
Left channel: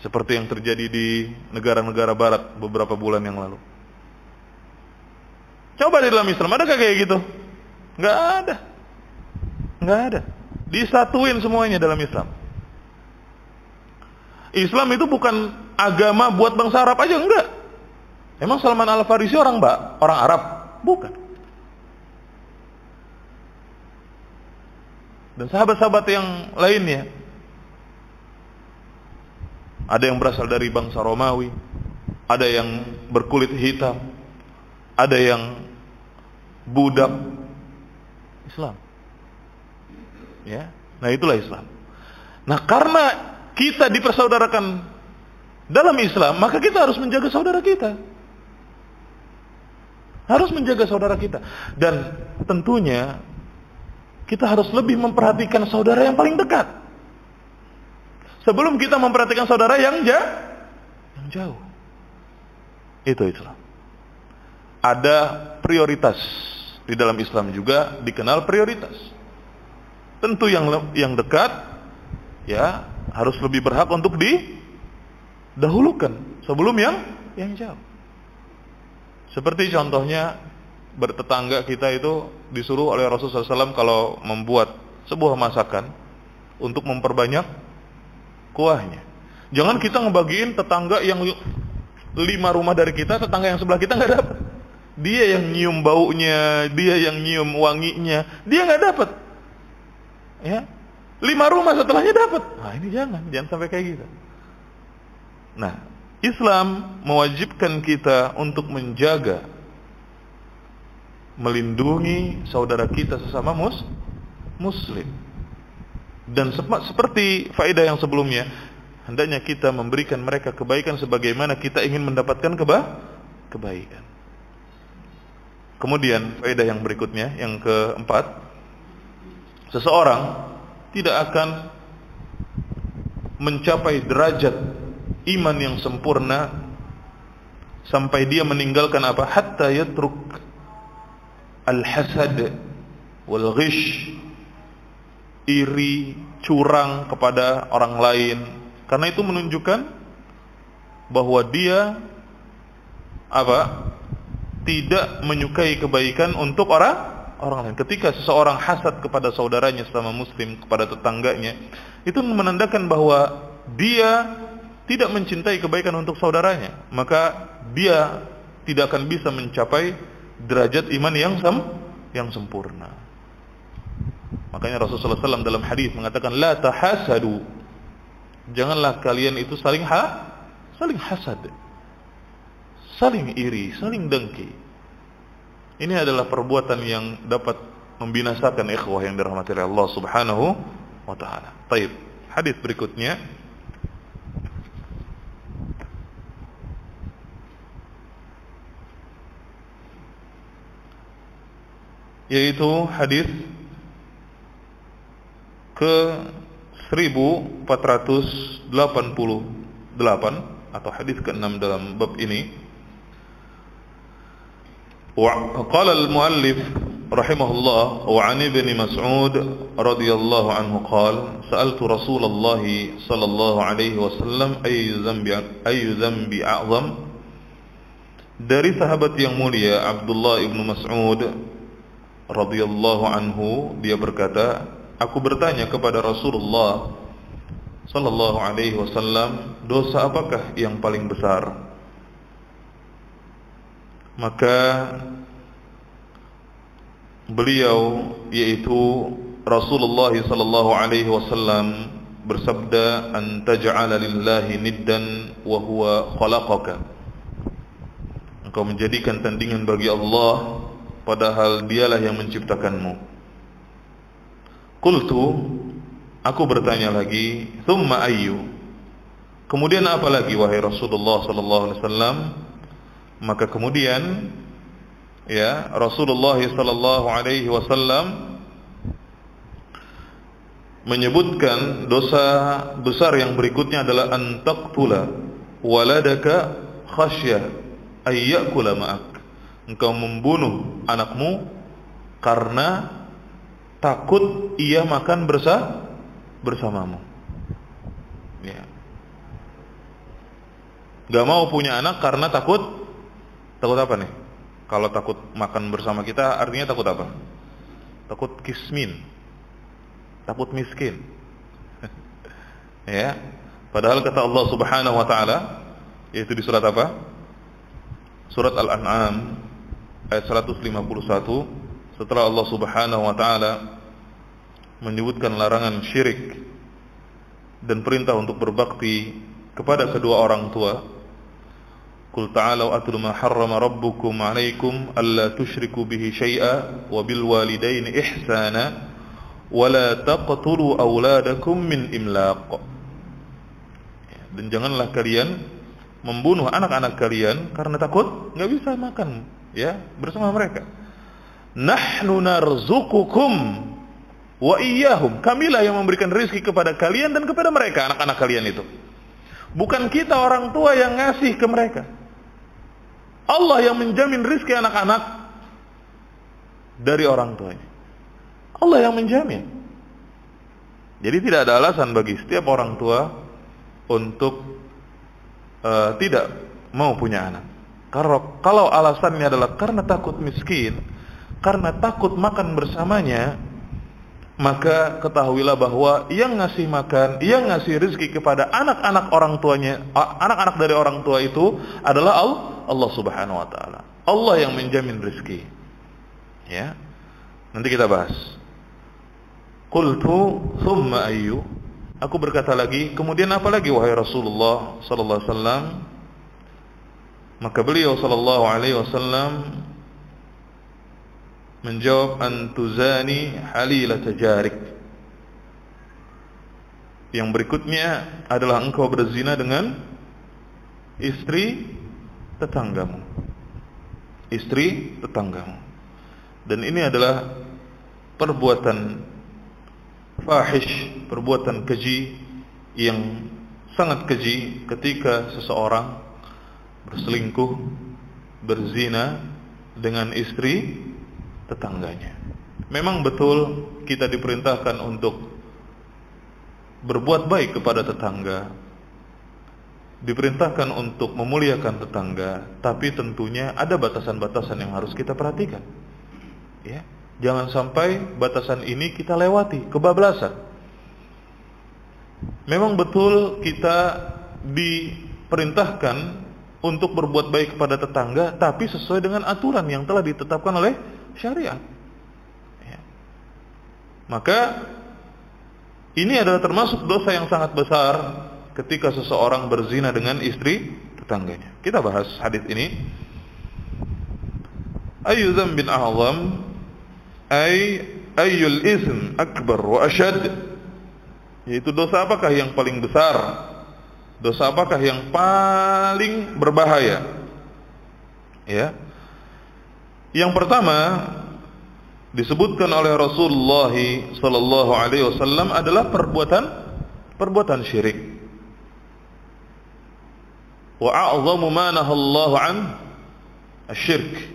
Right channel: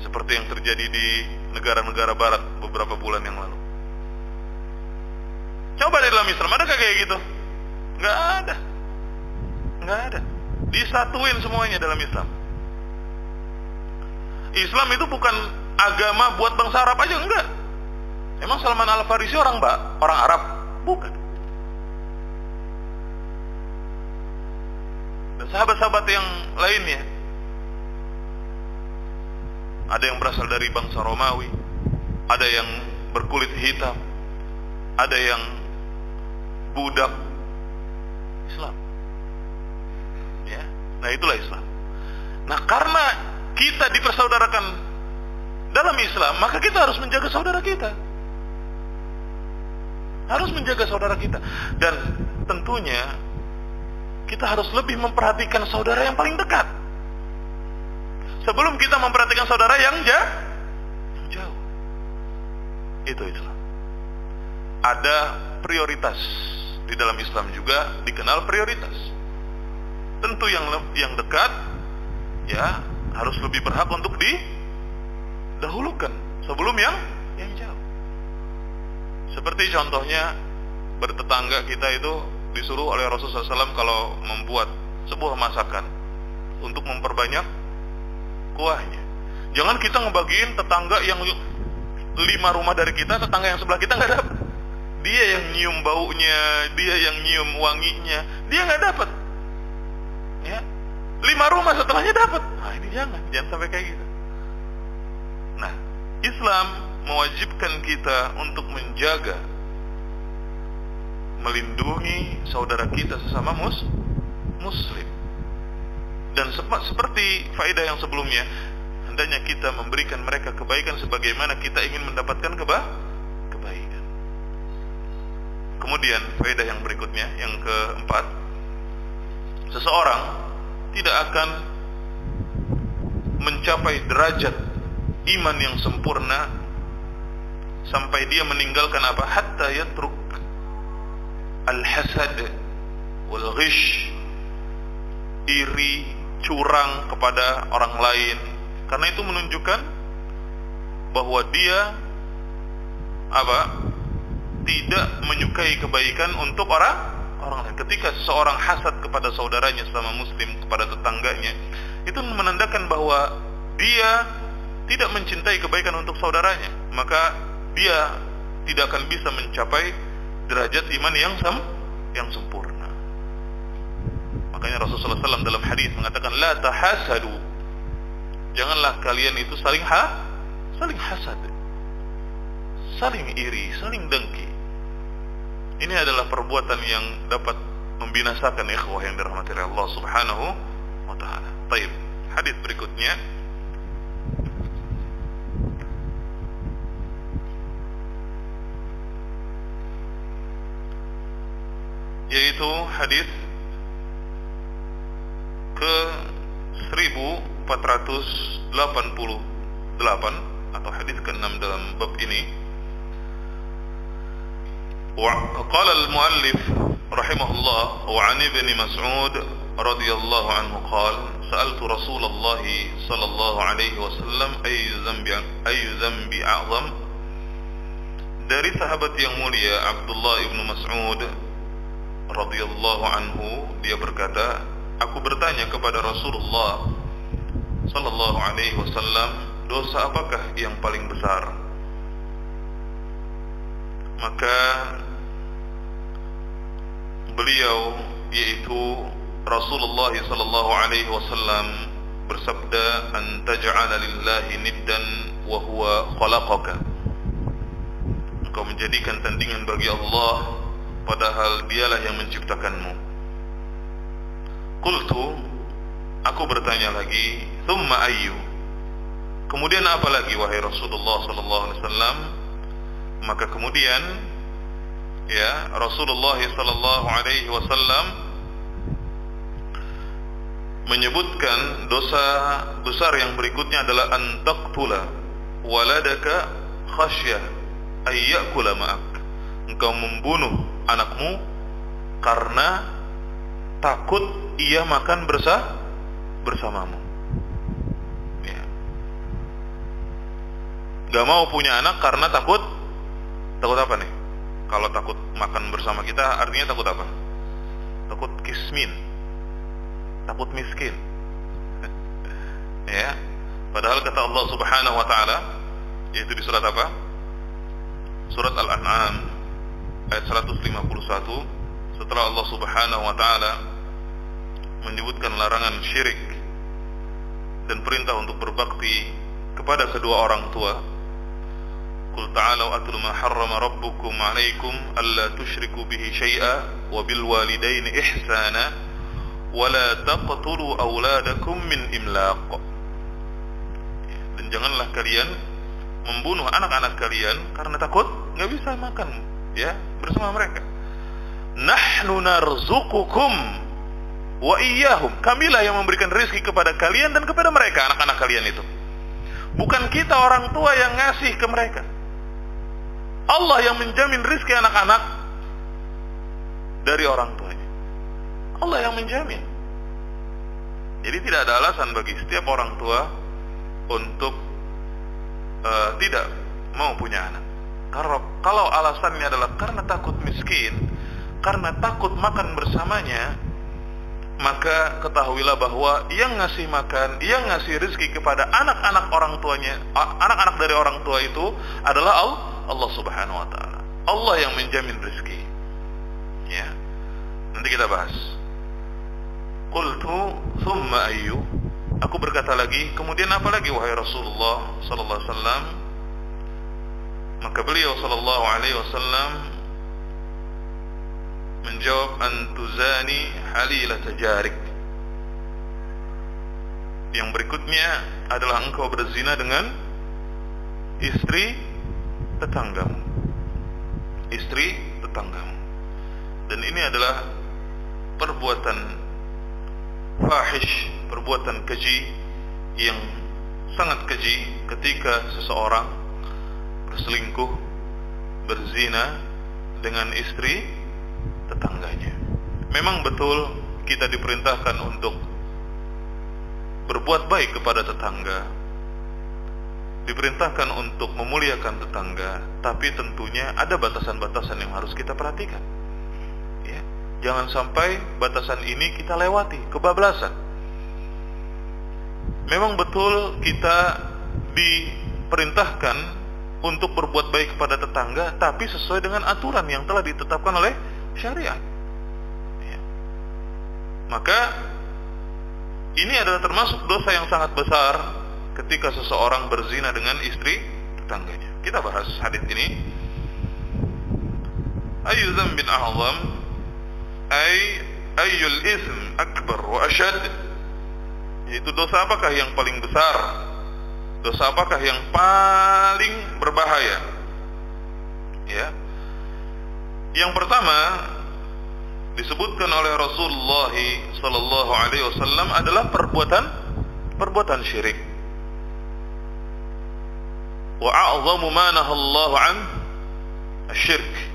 Seperti yang terjadi di negara-negara barat beberapa bulan yang lalu. Coba di dalam Islam adakah kayak gitu? Nggak ada. Nggak ada. Disatuin semuanya dalam Islam. Islam itu bukan agama buat bangsa Arab aja, enggak. Emang Salman Al-Farisi orang Arab? Bukan. Dan sahabat-sahabat yang lainnya, ada yang berasal dari bangsa Romawi, ada yang berkulit hitam, ada yang budak. Islam. Ya, nah itulah Islam. Nah, karena kita dipersaudarakan dalam Islam, maka kita harus menjaga saudara kita. Harus menjaga saudara kita. Dan tentunya kita harus lebih memperhatikan saudara yang paling dekat sebelum kita memperhatikan saudara yang jauh. Itu Islam. Ada prioritas. Di dalam Islam juga dikenal prioritas. Tentu yang dekat ya harus lebih berhak untuk didahulukan sebelum yang jauh. Seperti contohnya bertetangga kita itu disuruh oleh Rasulullah SAW kalau membuat sebuah masakan untuk memperbanyak kuahnya. Jangan kita ngebagiin tetangga yang 5 rumah dari kita, tetangga yang sebelah kita nggak dapat. Dia yang nyium baunya, dia yang nyium wanginya, dia nggak dapat. Ya, 5 rumah setelahnya dapat. Nah, ini jangan sampai kayak gitu. Nah, Islam mewajibkan kita untuk menjaga, melindungi saudara kita sesama muslim. Dan seperti faedah yang sebelumnya, hendaknya kita memberikan mereka kebaikan sebagaimana kita ingin mendapatkan kebaikan. Kemudian faedah yang berikutnya, yang keempat, seseorang tidak akan mencapai derajat iman yang sempurna sampai dia meninggalkan apa? Hatta yatruk al-hasad wal ghish, iri, curang kepada orang lain. Karena itu menunjukkan bahwa dia apa? Tidak menyukai kebaikan untuk orang orang lain. Ketika seseorang hasad kepada saudaranya sesama muslim, kepada tetangganya, itu menandakan bahwa dia tidak mencintai kebaikan untuk saudaranya, maka dia tidak akan bisa mencapai derajat iman yang sempurna. Makanya Rasulullah SAW dalam hadis mengatakan, la tahasadu, janganlah kalian itu saling hasad, saling iri, saling dengki. Ini adalah perbuatan yang dapat membinasakan ikhwah yang dirahmati oleh Allah Subhanahu wa taala. Baik, hadis berikutnya yaitu hadis ke 1488 atau hadis ke-6 dalam bab ini. وقال المؤلف رحمه الله وعن ابن مسعود رضي الله عنه قال سألت رسول الله صلى الله عليه وسلم أي ذنب أعظم. Dari sahabat yang mulia Abdullah ibnu Mas'ud radhiyallahu anhu, dia berkata, aku bertanya kepada Rasulullah sallallahu alaihi wasallam, dosa apakah yang paling besar? Maka beliau, yaitu Rasulullah sallallahu alaihi wasallam, bersabda, an taj'ala lillahi niddan wa huwa khalaqaka, engkau menjadikan tandingan bagi Allah padahal dialah yang menciptakanmu. Qultu, aku bertanya lagi, thumma ayyu, kemudian apa lagi wahai Rasulullah sallallahu alaihi wasallam? Maka kemudian ya Rasulullah sallallahu alaihi wasallam menyebutkan dosa besar yang berikutnya adalah an taqtula waladaka khasyah ay ya'kula ma'ak, engkau membunuh anakmu karena takut ia makan bersamamu. Ya. Gak mau punya anak karena takut apa nih? Kalau takut makan bersama kita artinya takut apa? Takut kismin, takut miskin. Ya. Padahal kata Allah Subhanahu wa taala, yaitu di surat apa? Surat Al-An'am ayat 151, setelah Allah Subhanahu wa taala menyebutkan larangan syirik dan perintah untuk berbakti kepada kedua orang tua. Qul ta'alu atlu ma harrama rabbukum 'alaikum alla tusyriku bihi syai'a wa bil walidaini ihsana wa la taqtulu auladakum min imlaq. Dan janganlah kalian membunuh anak-anak kalian karena takut enggak bisa makan ya bersama mereka. Nahnu narzuqukum wa iyyahum, kamilah yang memberikan rezeki kepada kalian dan kepada mereka, anak-anak kalian itu. Bukan kita orang tua yang ngasih ke mereka. Allah yang menjamin rezeki anak-anak dari orang tuanya. Allah yang menjamin. Jadi tidak ada alasan bagi setiap orang tua untuk tidak mau punya anak. Kalau alasannya adalah karena takut miskin, karena takut makan bersamanya, maka ketahuilah bahwa yang ngasih makan, yang ngasih rezeki kepada anak-anak orang tuanya, anak-anak dari orang tua itu adalah Allah Subhanahu wa taala. Allah yang menjamin rezeki. Ya. Nanti kita bahas. Qultu thumma ayyu, aku berkata lagi, kemudian apa lagi wahai Rasulullah sallallahu alaihi wasallam? Maka beliau sallallahu alaihi wasallam menjawab, antuzani halilata jarik. Yang berikutnya adalah engkau berzina dengan istri tetanggamu. Istri tetanggamu. Dan ini adalah perbuatan fahish, perbuatan keji yang sangat keji ketika seseorang berselingkuh, berzina dengan istri tetangganya. Memang betul kita diperintahkan untuk berbuat baik kepada tetangga, diperintahkan untuk memuliakan tetangga, tapi tentunya ada batasan-batasan yang harus kita perhatikan. Ya, Jangan sampai batasan ini kita lewati, kebablasan. Memang betul kita diperintahkan untuk berbuat baik kepada tetangga, tapi sesuai dengan aturan yang telah ditetapkan oleh syariat. Ya. Maka ini adalah termasuk dosa yang sangat besar ketika seseorang berzina dengan istri tetangganya. Kita bahas hadis ini. Ayyu dzambin a'zam ayyul ism akbar wa ashad, yaitu dosa apakah yang paling besar, dosa apakah yang paling berbahaya. Ya, yang pertama disebutkan oleh Rasulullah sallallahu alaihi wasallam adalah perbuatan syirik. Wa a'zamu ma nahallahu an asy-syirk.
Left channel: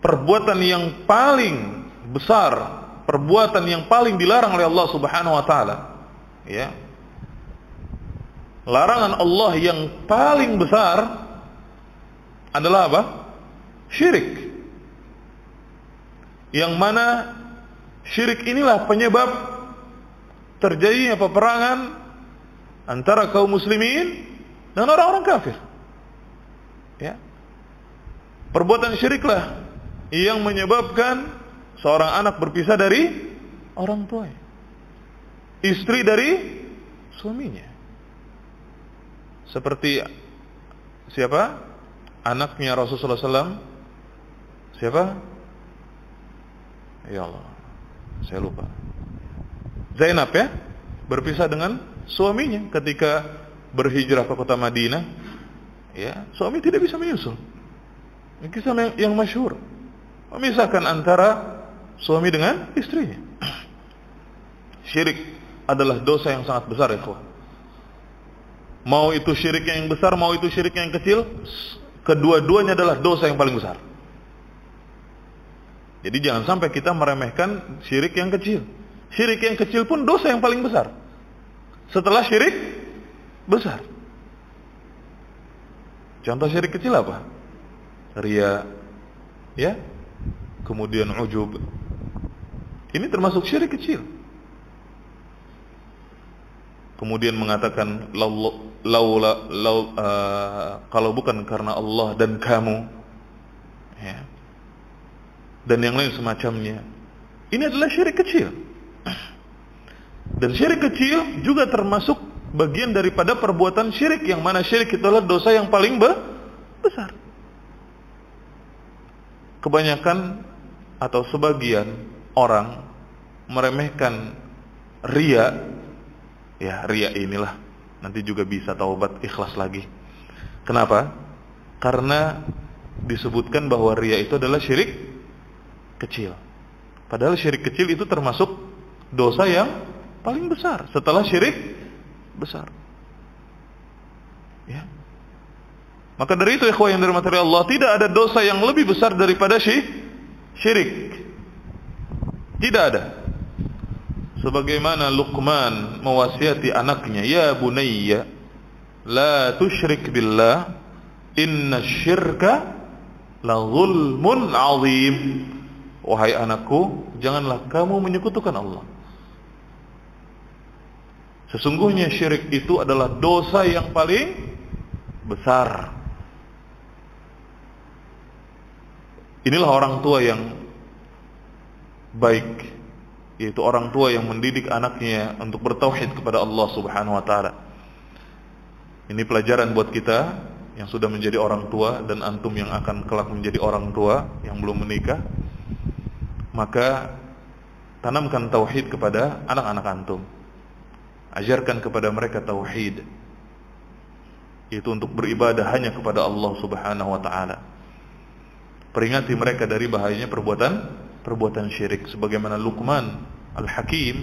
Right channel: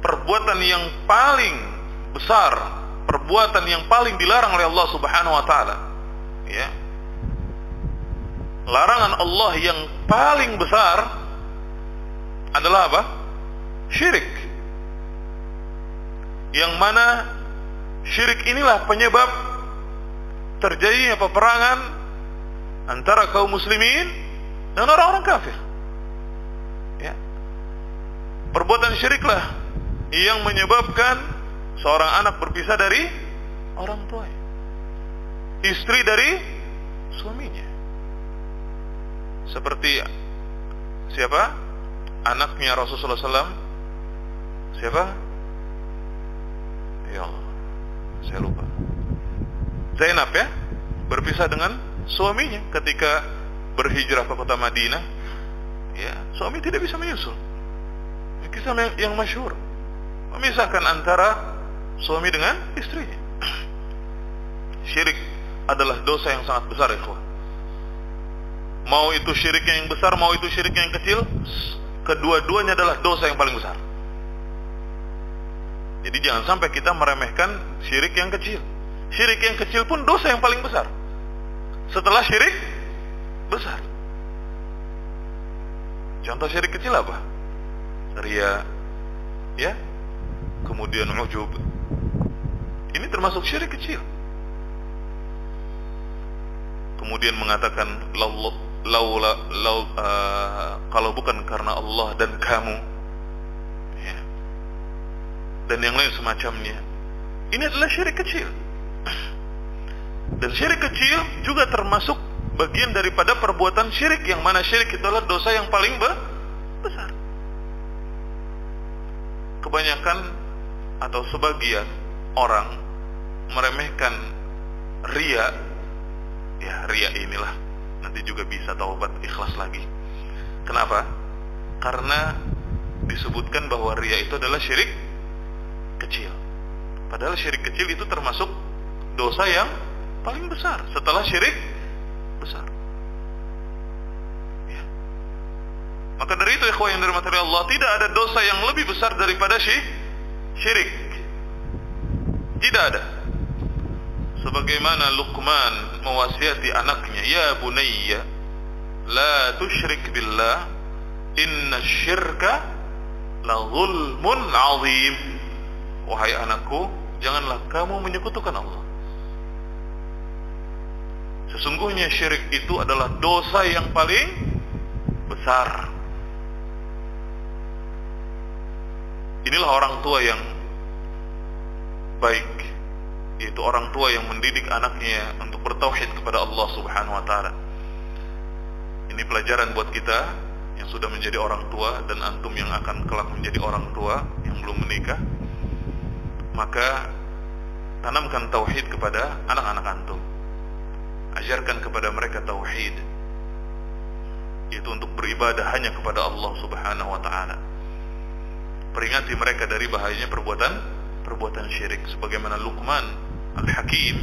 Perbuatan yang paling besar, perbuatan yang paling dilarang oleh Allah Subhanahu wa taala. Ya. Larangan Allah yang paling besar adalah apa? Syirik. Yang mana syirik inilah penyebab terjadinya peperangan antara kaum muslimin dan orang-orang kafir. Ya. Perbuatan syiriklah yang menyebabkan seorang anak berpisah dari orang tuanya, istri dari suaminya. Seperti siapa? Anaknya Rasulullah SAW. Siapa? Ya Allah, saya lupa. Zainab, ya, berpisah dengan suaminya ketika berhijrah ke kota Madinah. Ya, suami tidak bisa menyusul. Ini kisah yang masyhur, memisahkan antara suami dengan istrinya. Syirik adalah dosa yang sangat besar, ikhwah. Mau itu syirik yang besar, mau itu syirik yang kecil, kedua-duanya adalah dosa yang paling besar. Jadi jangan sampai kita meremehkan syirik yang kecil. Syirik yang kecil pun dosa yang paling besar setelah syirik besar. Contoh syirik kecil apa? Riya, ya, kemudian ujub. Ini termasuk syirik kecil. Kemudian mengatakan kalau bukan karena Allah dan kamu, ya, dan yang lain semacamnya. Ini adalah syirik kecil. Dan syirik kecil juga termasuk bagian daripada perbuatan syirik, yang mana syirik itu adalah dosa yang paling besar. Kebanyakan atau sebagian orang meremehkan riya. Ya, riya inilah nanti juga bisa taubat ikhlas lagi. Kenapa? Karena disebutkan bahwa riya itu adalah syirik kecil. Padahal syirik kecil itu termasuk dosa yang paling besar setelah syirik besar. Ya. Maka dari itu, ikhwah yang dirahmati Allah, tidak ada dosa yang lebih besar daripada syirik. Tidak ada. Sebagaimana Luqman mewasiati anaknya, ya bunayya la tusyrik billah inna syirka la zulmun azim. Wahai anakku, janganlah kamu menyekutukan Allah. Sesungguhnya syirik itu adalah dosa yang paling besar. Inilah orang tua yang baik, yaitu orang tua yang mendidik anaknya untuk bertauhid kepada Allah Subhanahu wa taala. Ini pelajaran buat kita yang sudah menjadi orang tua dan antum yang akan kelak menjadi orang tua yang belum menikah. Maka tanamkan tauhid kepada anak-anak antum. Ajarkan kepada mereka tauhid, yaitu untuk beribadah hanya kepada Allah Subhanahu wa taala. Peringati mereka dari bahayanya perbuatan syirik, sebagaimana Luqman Al-Hakim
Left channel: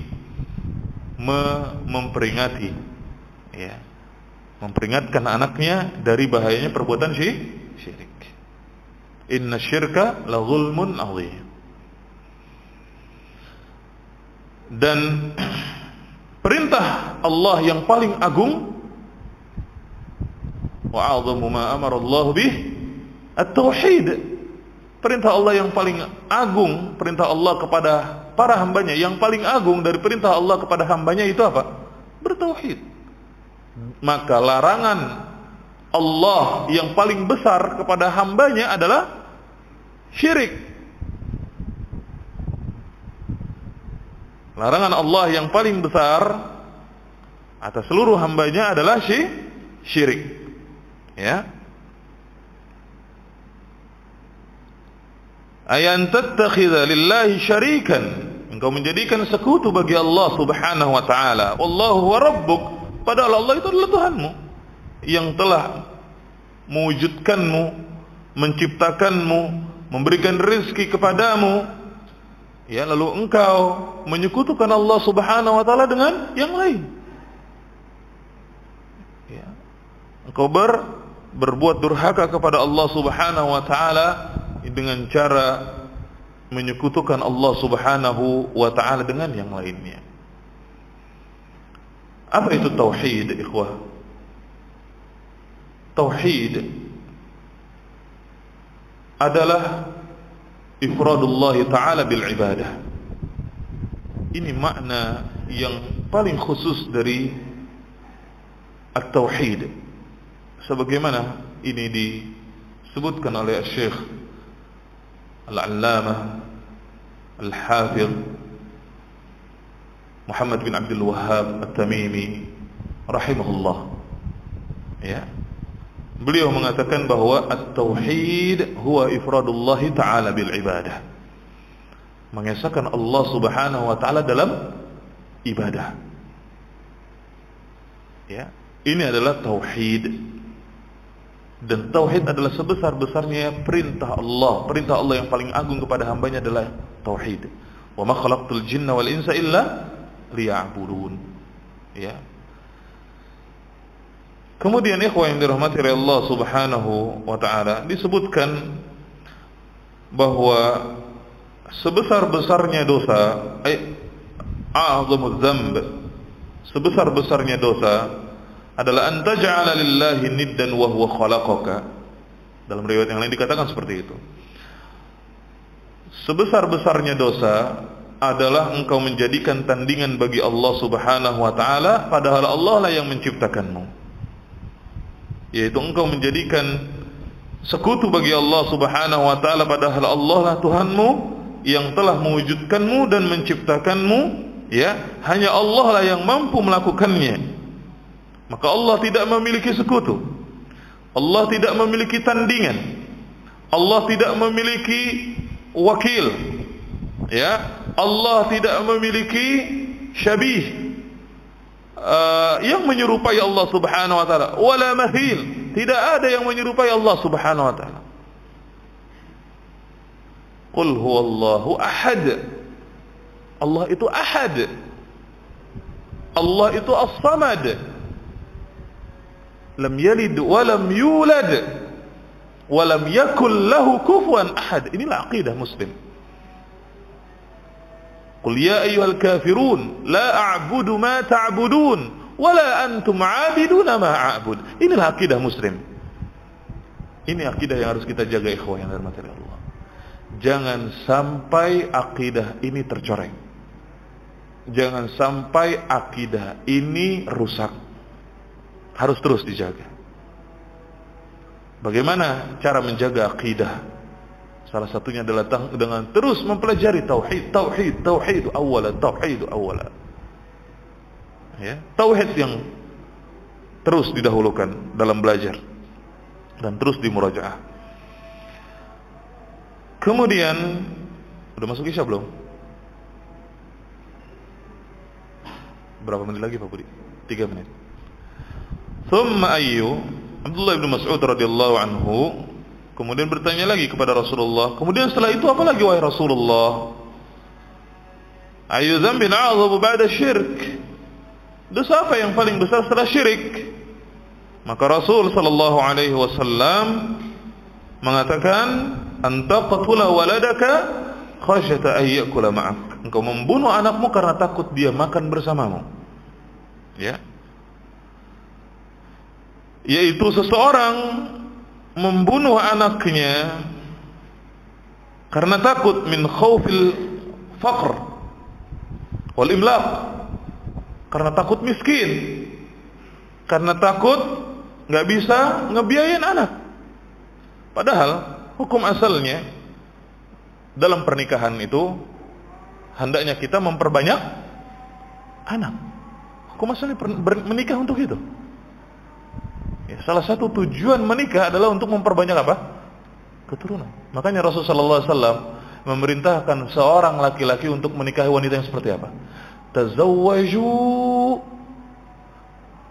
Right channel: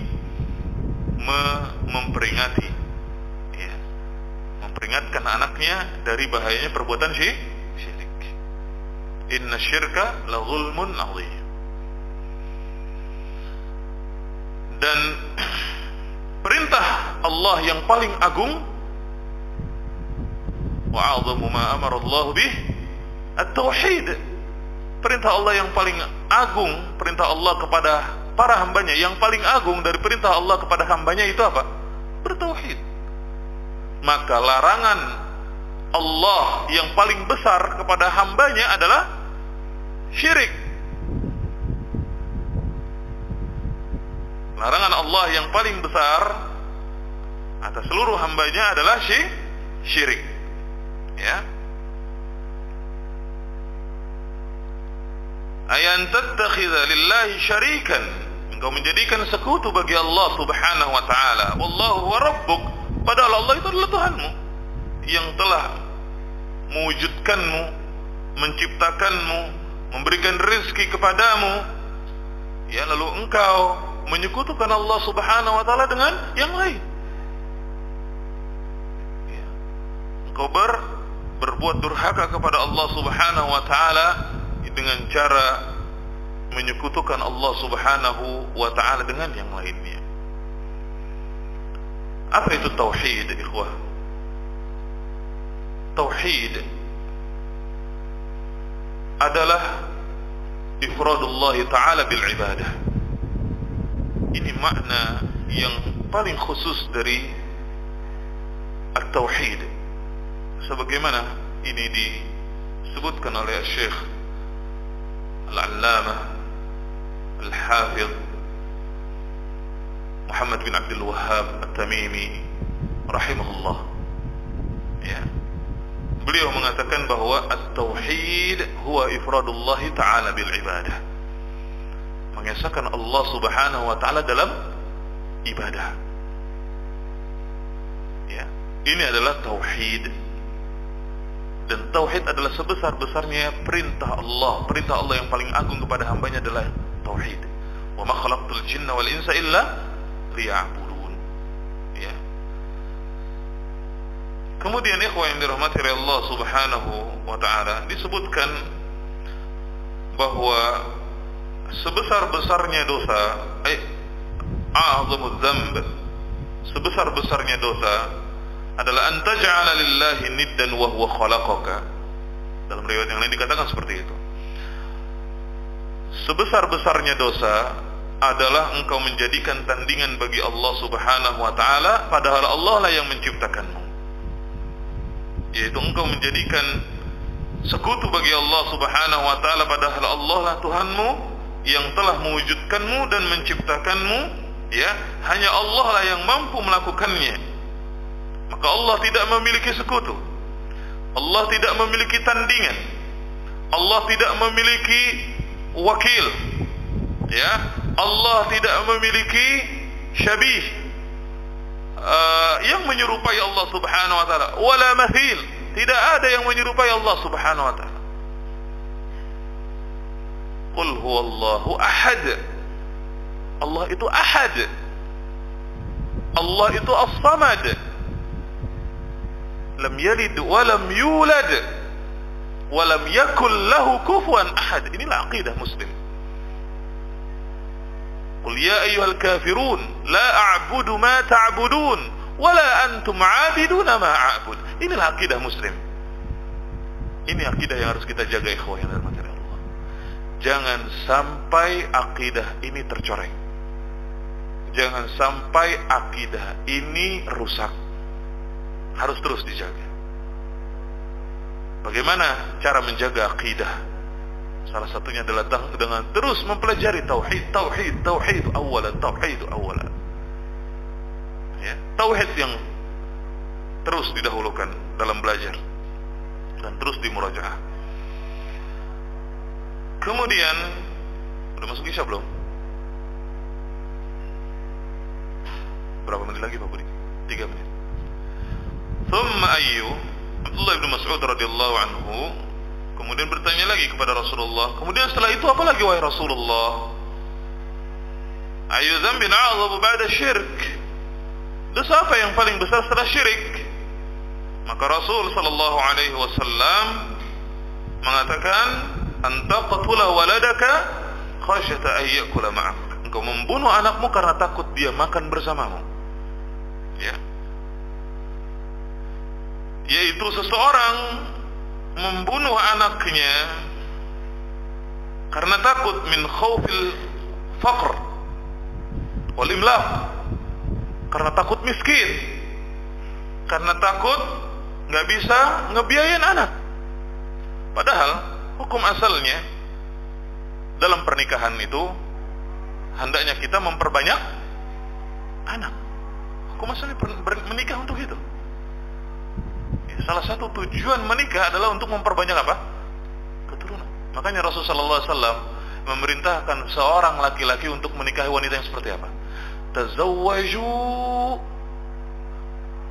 memperingati, ya, memperingatkan anaknya dari bahayanya perbuatan syirik. Inna syirka la zulmun azim. Dan perintah Allah yang paling agung, wa 'azamu ma amara Allah bih at-tauhid, Perintah Allah yang paling agung, perintah Allah kepada para hambanya yang paling agung dari perintah Allah kepada hambanya itu apa? Bertauhid. Maka larangan Allah yang paling besar kepada hambanya adalah syirik. Larangan Allah yang paling besar atas seluruh hambanya adalah syirik. Ya. Ayan tattakhidha lillahi syarikan, engkau menjadikan sekutu bagi Allah Subhanahu wa taala. Wallahu wa rabbuk, padahal Allah itu adalah Tuhanmu yang telah mewujudkanmu, menciptakanmu, memberikan rezeki kepadamu. Ya, lalu engkau menyekutukan Allah Subhanahu wa taala dengan yang lain. Ya. Engkau berbuat durhaka kepada Allah Subhanahu wa taala dengan cara menyekutukan Allah Subhanahu wa taala dengan yang lainnya. Apa itu tauhid, ikhwah? Tauhid adalah ifradullah taala bil ibadah. Ini makna yang paling khusus dari at-tauhid, sebagaimana ini disebutkan oleh Syekh Al-Allamah Al-Hafidh Muhammad bin Abdul Wahhab At-Tamimi rahimahullah. Ya. Beliau mengatakan bahwa at-tauhid huwa ifradullah ta'ala bil ibadah. Mengesahkan Allah Subhanahu wa taala dalam ibadah. Ya. Ini adalah tauhid. Dan tauhid adalah sebesar-besarnya perintah Allah. Perintah Allah yang paling agung kepada hambanya adalah tauhid. Wa ma khalaqtul jinna wal insa illa liya'budun. Ya. Kemudian ikhwah yang dirahmati oleh Allah Subhanahu wa taala, disebutkan bahwa sebesar-besarnya dosa, a'zamudz dzamb, sebesar-besarnya dosa adalah antaj'ala lillahi niddan wa huwa khalaqaka. Dalam riwayat yang lain dikatakan seperti itu. Sebesar-besarnya dosa adalah engkau menjadikan tandingan bagi Allah Subhanahu wa taala, padahal Allah lah yang menciptakanmu. Yaitu engkau menjadikan sekutu bagi Allah Subhanahu wa taala, padahal Allah lah Tuhanmu yang telah mewujudkanmu dan menciptakanmu. Ya, hanya Allah lah yang mampu melakukannya. Maka Allah tidak memiliki sekutu, Allah tidak memiliki tandingan, Allah tidak memiliki wakil, ya, Allah tidak memiliki syabih yang menyerupai Allah Subhanahu wa taala, wala mathil, tidak ada yang menyerupai Allah Subhanahu wa taala. Qul huwallahu ahad, Allah itu ahad, Allah itu as-samad, lam yalid wa lam yulad wa lam yakul lahu kufuwan ahad. Inilah aqidah muslim. Qul ya ayyuhal kafirun la a'budu ma ta'budun wa la antum 'abiduna ma a'bud. Inilah aqidah muslim. Ini aqidah yang harus kita jaga, ikhwah yang dirahmati Allah. Jangan sampai aqidah ini tercoreng. Jangan sampai aqidah ini rusak. Harus terus dijaga. Bagaimana cara menjaga akidah? Salah satunya adalah dengan terus mempelajari tauhid, tauhid awalan, tauhid awalan. Ya, tauhid yang terus didahulukan dalam belajar dan terus dimurajaah. Kemudian, udah masuk Isya belum? Berapa menit lagi Pak Budi? 3 menit. Thumma ayyu, Abdullah bin Mas'ud radhiyallahu anhu kemudian bertanya lagi kepada Rasulullah, kemudian setelah itu apa lagi wahai Rasulullah? Ayyu dzambin a'dhamu ba'da syirk, dosa apa yang paling besar setelah syirik? Maka Rasul sallallahu alaihi wasallam mengatakan, anta qatula waladaka khasyata ay ya'kula ma'ak, engkau membunuh anakmu karena takut dia makan bersamamu. Ya, yaitu seseorang membunuh anaknya Karena takut min khaufil faqr wal imlaq. Karena takut miskin. Karena takut nggak bisa ngebiayain anak. Padahal hukum asalnya dalam pernikahan itu hendaknya kita memperbanyak anak. Hukum asalnya menikah untuk itu. Ya, salah satu tujuan menikah adalah untuk memperbanyak apa? Keturunan. Makanya Rasulullah SAW memerintahkan seorang laki-laki untuk menikahi wanita yang seperti apa? Tazawwaju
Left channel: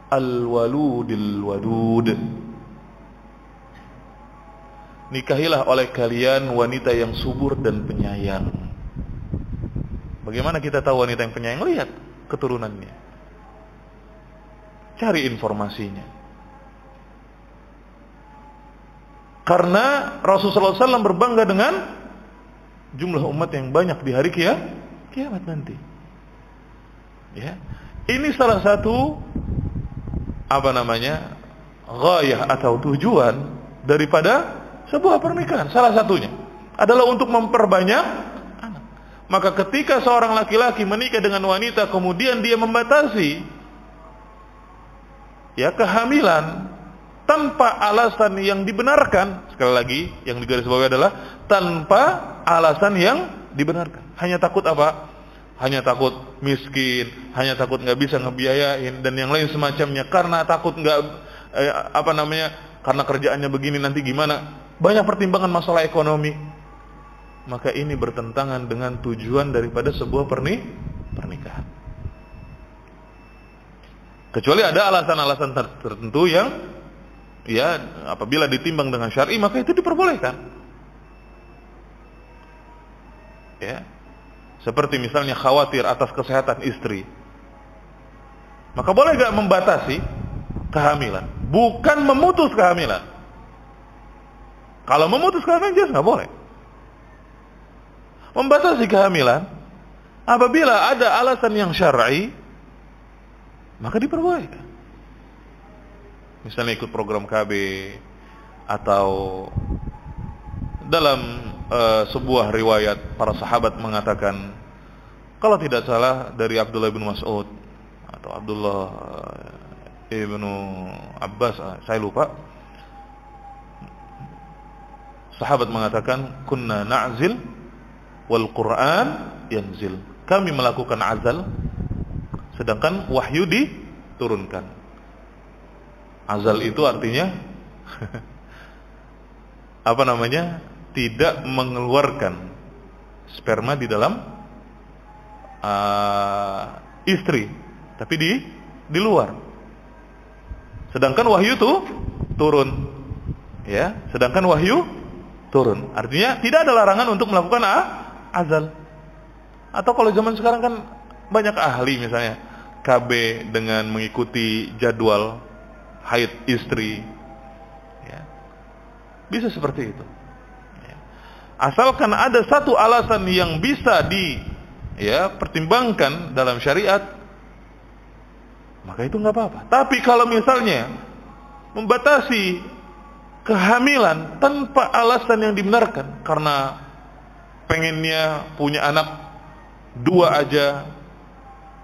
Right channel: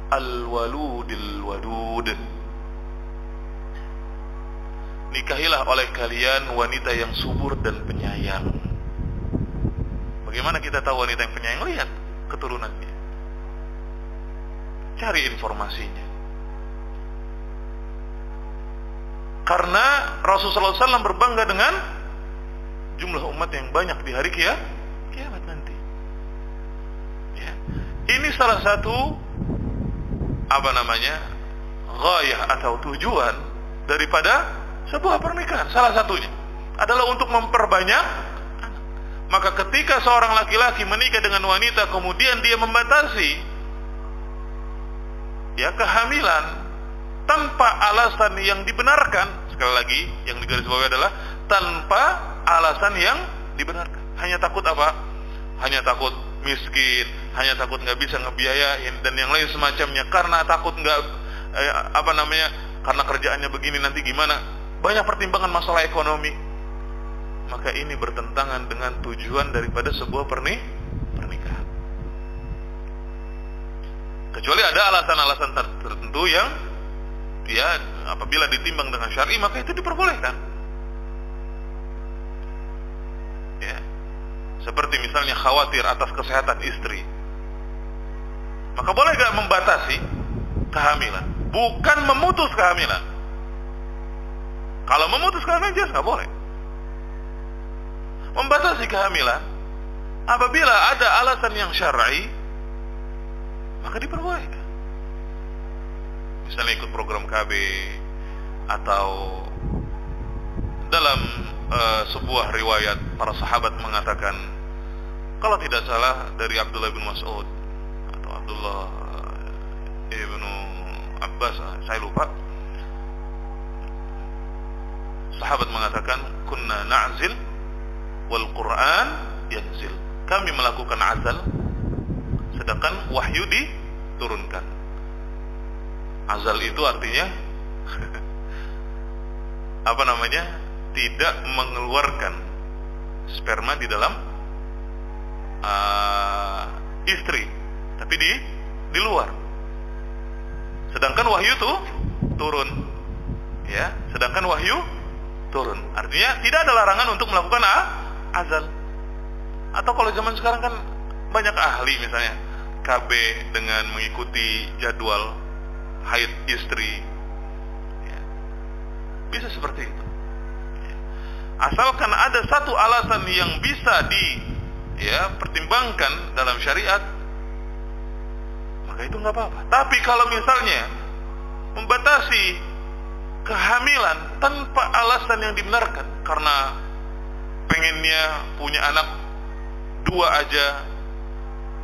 al-waludil wadud. Nikahilah oleh kalian wanita yang subur dan penyayang. Bagaimana kita tahu wanita yang penyayang? Lihat keturunannya, cari informasinya. Karena Rasulullah SAW berbangga dengan jumlah umat yang banyak di hari kiamat nanti. Ya, ini salah satu ghayah atau tujuan daripada sebuah pernikahan. Salah satunya adalah untuk memperbanyak anak. Maka ketika seorang laki-laki menikah dengan wanita kemudian dia membatasi kehamilan tanpa alasan yang dibenarkan, sekali lagi yang digarisbawahi adalah tanpa alasan yang dibenarkan. Hanya takut apa? Hanya takut miskin, hanya takut nggak bisa ngebiayain dan yang lain semacamnya. Karena takut karena kerjaannya begini nanti gimana? Banyak pertimbangan masalah ekonomi. Maka ini bertentangan dengan tujuan daripada sebuah pernikahan. Kecuali ada alasan-alasan tertentu yang apabila ditimbang dengan syar'i maka itu diperbolehkan. Ya. Seperti misalnya khawatir atas kesehatan istri. Maka boleh gak membatasi kehamilan? Bukan memutus kehamilan. Kalau memutus kehamilan jelas gak boleh. Membatasi kehamilan apabila ada alasan yang syar'i maka diperbolehkan. Misalnya ikut program KB atau dalam sebuah riwayat para sahabat mengatakan, kalau tidak salah dari Abdullah bin Mas'ud atau Abdullah ibnu Abbas, saya lupa, sahabat mengatakan kunna na'zil wal Qur'an yanzil. Kami melakukan azal sedangkan wahyu diturunkan. Azal itu artinya tidak mengeluarkan sperma di dalam istri, tapi di luar. Sedangkan wahyu itu turun. Ya, sedangkan wahyu turun. Artinya tidak ada larangan untuk melakukan azal. Atau kalau zaman sekarang kan banyak ahli misalnya KB dengan mengikuti jadwal haid istri, ya, bisa seperti itu. Ya. Asalkan ada satu alasan yang bisa pertimbangkan dalam syariat, maka itu nggak apa-apa. Tapi kalau misalnya membatasi kehamilan tanpa alasan yang dibenarkan, karena pengennya punya anak 2 aja,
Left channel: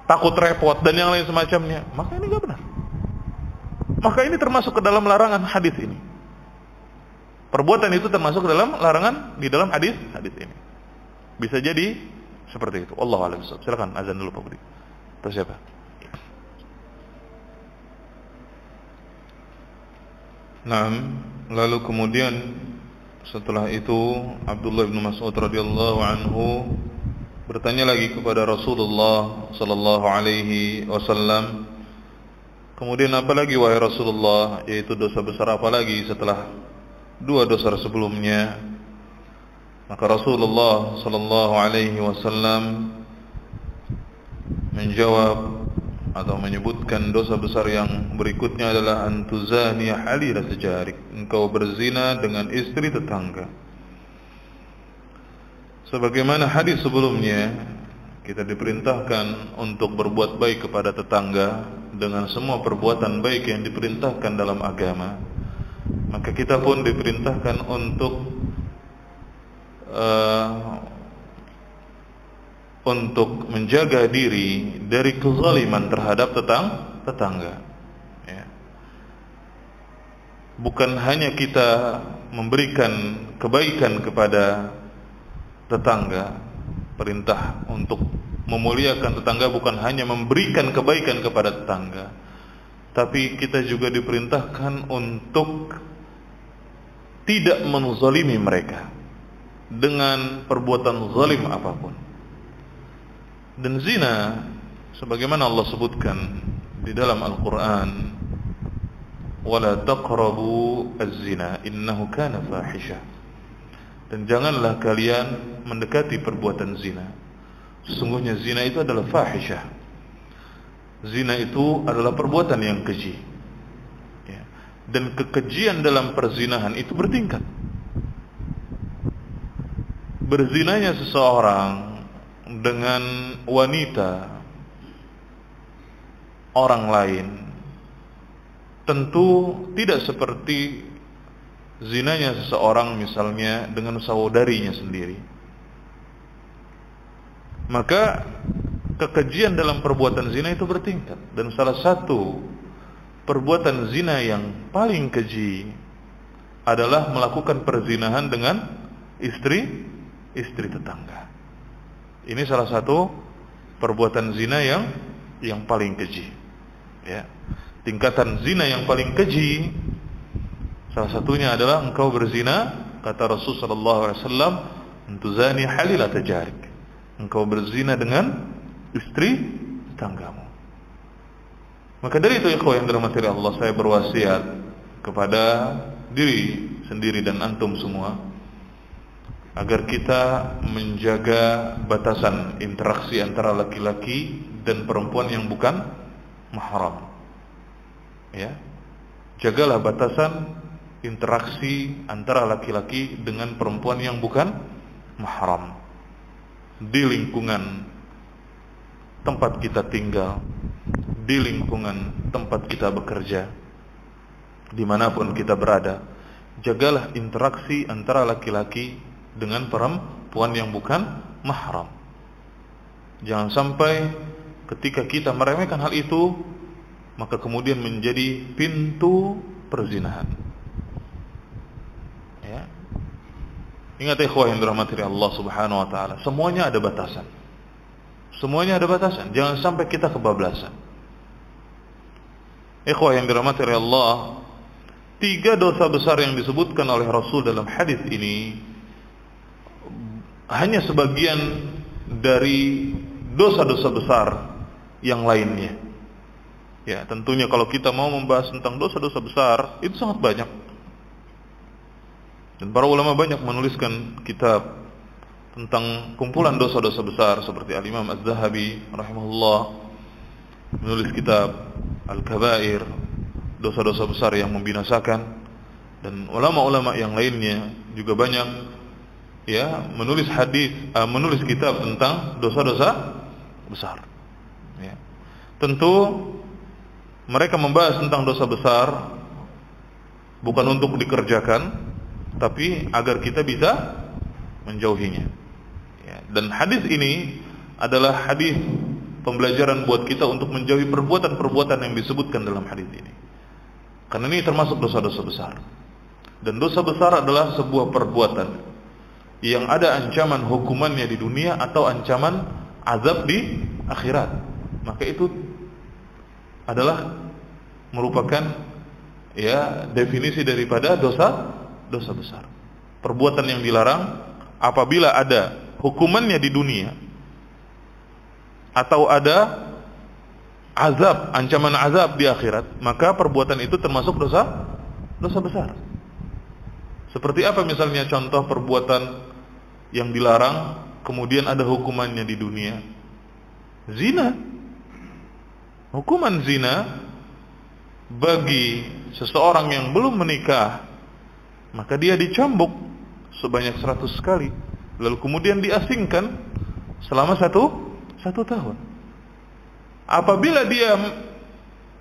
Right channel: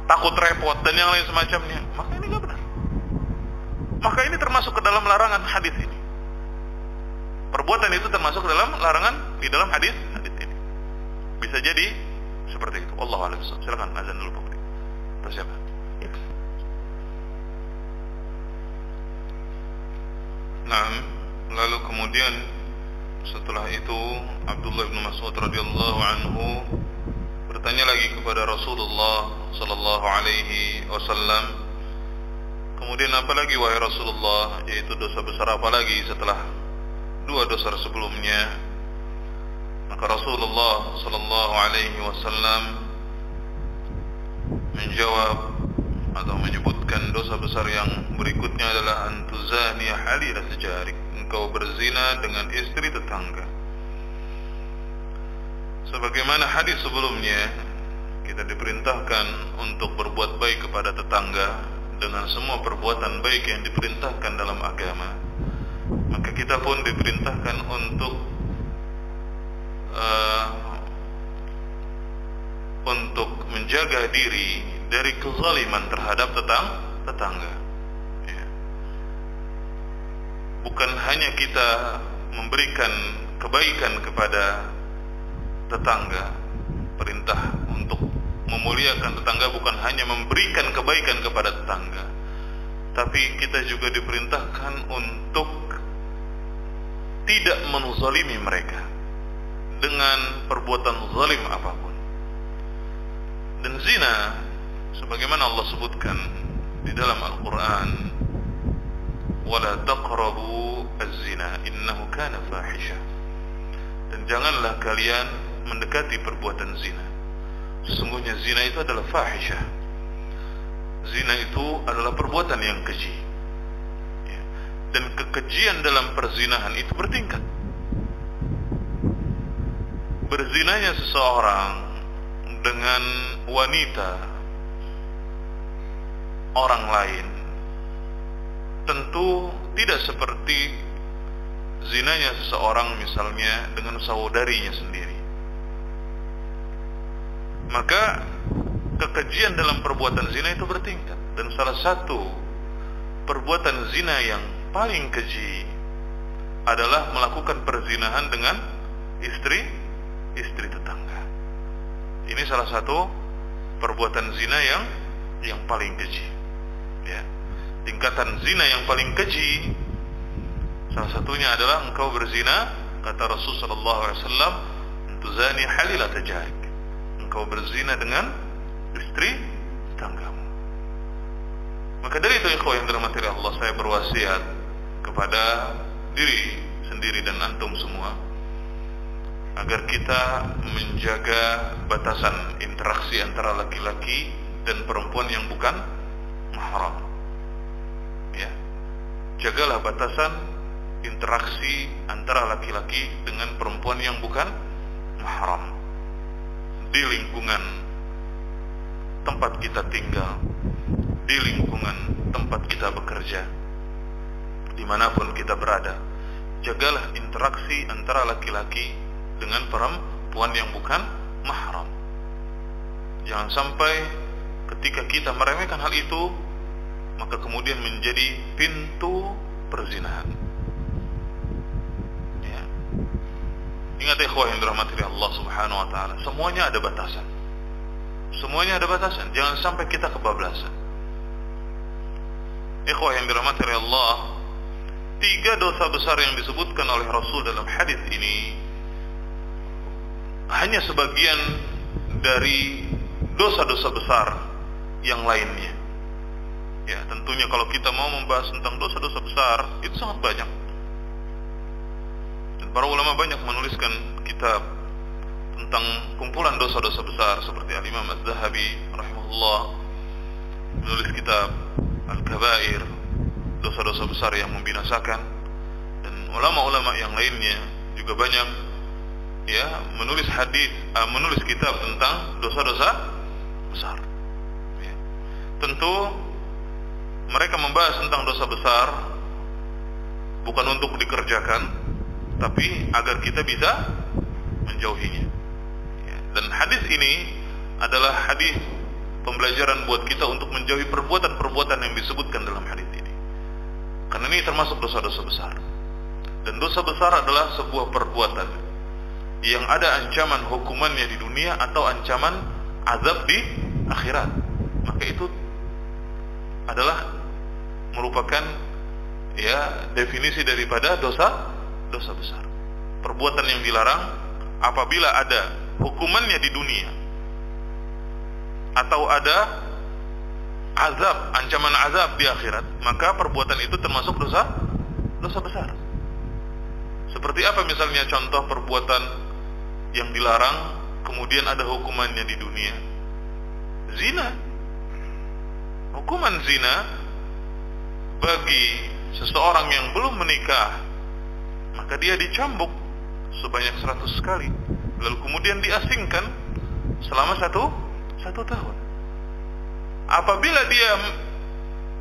takut repot dan yang lain semacamnya, maka ini nggak benar. Maka ini termasuk ke dalam larangan hadis ini. Perbuatan itu termasuk ke dalam larangan di dalam hadis ini. Bisa jadi seperti itu. Wallahu a'lam bishawab. Silakan azan dulu Pak Budi. Terus siapa? Nah, lalu kemudian setelah itu Abdullah bin Mas'ud radhiyallahu anhu bertanya lagi kepada Rasulullah sallallahu alaihi wasallam, kemudian apa lagi wahai Rasulullah, yaitu dosa besar apa lagi setelah 2 dosa sebelumnya? Maka Rasulullah sallallahu alaihi wasallam menjawab atau menyebutkan dosa besar yang berikutnya adalah antuzani halilat jarik, engkau berzina dengan istri tetangga. Sebagaimana hadis sebelumnya, kita diperintahkan untuk berbuat baik kepada tetangga dengan semua perbuatan baik yang diperintahkan dalam agama. Maka kita pun diperintahkan untuk untuk menjaga diri dari kezaliman terhadap tetangga. Ya. Bukan hanya kita memberikan kebaikan kepada tetangga, perintah untuk memuliakan tetangga bukan hanya memberikan kebaikan kepada tetangga, tapi kita juga diperintahkan untuk tidak menzalimi mereka dengan perbuatan zalim apapun. Dan zina, sebagaimana Allah sebutkan di dalam Al-Quran, وَلَا تَقْرَبُوا الزِّنَا إِنَّهُ كَانَ فَاحِشَةً. Dan janganlah kalian mendekati perbuatan zina. Sesungguhnya zina itu adalah fahisyah. Zina itu adalah perbuatan yang keji. Ya. Dan kekejian dalam perzinahan itu bertingkat. Berzinanya seseorang dengan wanita orang lain tentu tidak seperti zinanya seseorang misalnya dengan saudarinya sendiri. Maka kekejian dalam perbuatan zina itu bertingkat, dan salah satu perbuatan zina yang paling keji adalah melakukan perzinahan dengan istri tetangga. Ini salah satu perbuatan zina yang paling keji. Ya. Tingkatan zina yang paling keji salah satunya adalah engkau berzina, kata Rasul sallallahu alaihi wasallam, "Tuzani halilat jarik." Engkau berzina dengan istri tetanggamu. Maka dari itu ikhwah yang dirahmati Allah, saya berwasiat kepada diri sendiri dan antum semua agar kita menjaga batasan interaksi antara laki-laki dan perempuan yang bukan mahram. Ya. Jagalah batasan interaksi antara laki-laki dengan perempuan yang bukan mahram di lingkungan tempat kita tinggal, di lingkungan tempat kita bekerja, dimanapun kita berada. Jagalah interaksi antara laki-laki dengan perempuan yang bukan mahram. Jangan sampai ketika kita meremehkan hal itu, maka kemudian menjadi pintu perzinahan. Ya. Ingat ikhwah yang dirahmati Allah Subhanahu wa taala, semuanya ada batasan. Semuanya ada batasan. Jangan sampai kita kebablasan. Ikhwah yang dirahmati Allah, 3 dosa besar yang disebutkan oleh Rasul dalam hadis ini hanya sebagian dari dosa-dosa besar yang lainnya. Ya, tentunya kalau kita mau membahas tentang dosa-dosa besar, itu sangat banyak. Dan para ulama banyak menuliskan kitab tentang kumpulan dosa-dosa besar, seperti Al-Imam Az-Zahabi rahimahullah menulis kitab Al-Kabair, dosa-dosa besar yang membinasakan. Dan ulama-ulama yang lainnya juga banyak ya menulis kitab tentang dosa-dosa besar. Ya. Tentu mereka membahas tentang dosa besar bukan untuk dikerjakan, tapi agar kita bisa menjauhinya. Ya. Dan hadis ini adalah hadis pembelajaran buat kita untuk menjauhi perbuatan-perbuatan yang disebutkan dalam hadis ini. Karena ini termasuk dosa-dosa besar. Dan dosa besar adalah sebuah perbuatan yang ada ancaman hukumannya di dunia atau ancaman azab di akhirat. Maka itu adalah merupakan ya definisi daripada dosa besar. Perbuatan yang dilarang apabila ada hukumannya di dunia atau ada azab, ancaman azab di akhirat, maka perbuatan itu termasuk dosa besar. Seperti apa misalnya contoh perbuatan yang dilarang kemudian ada hukumannya di dunia? Zina. Hukuman zina bagi seseorang yang belum menikah, maka dia dicambuk sebanyak 100 kali, lalu kemudian diasingkan selama satu tahun. Apabila dia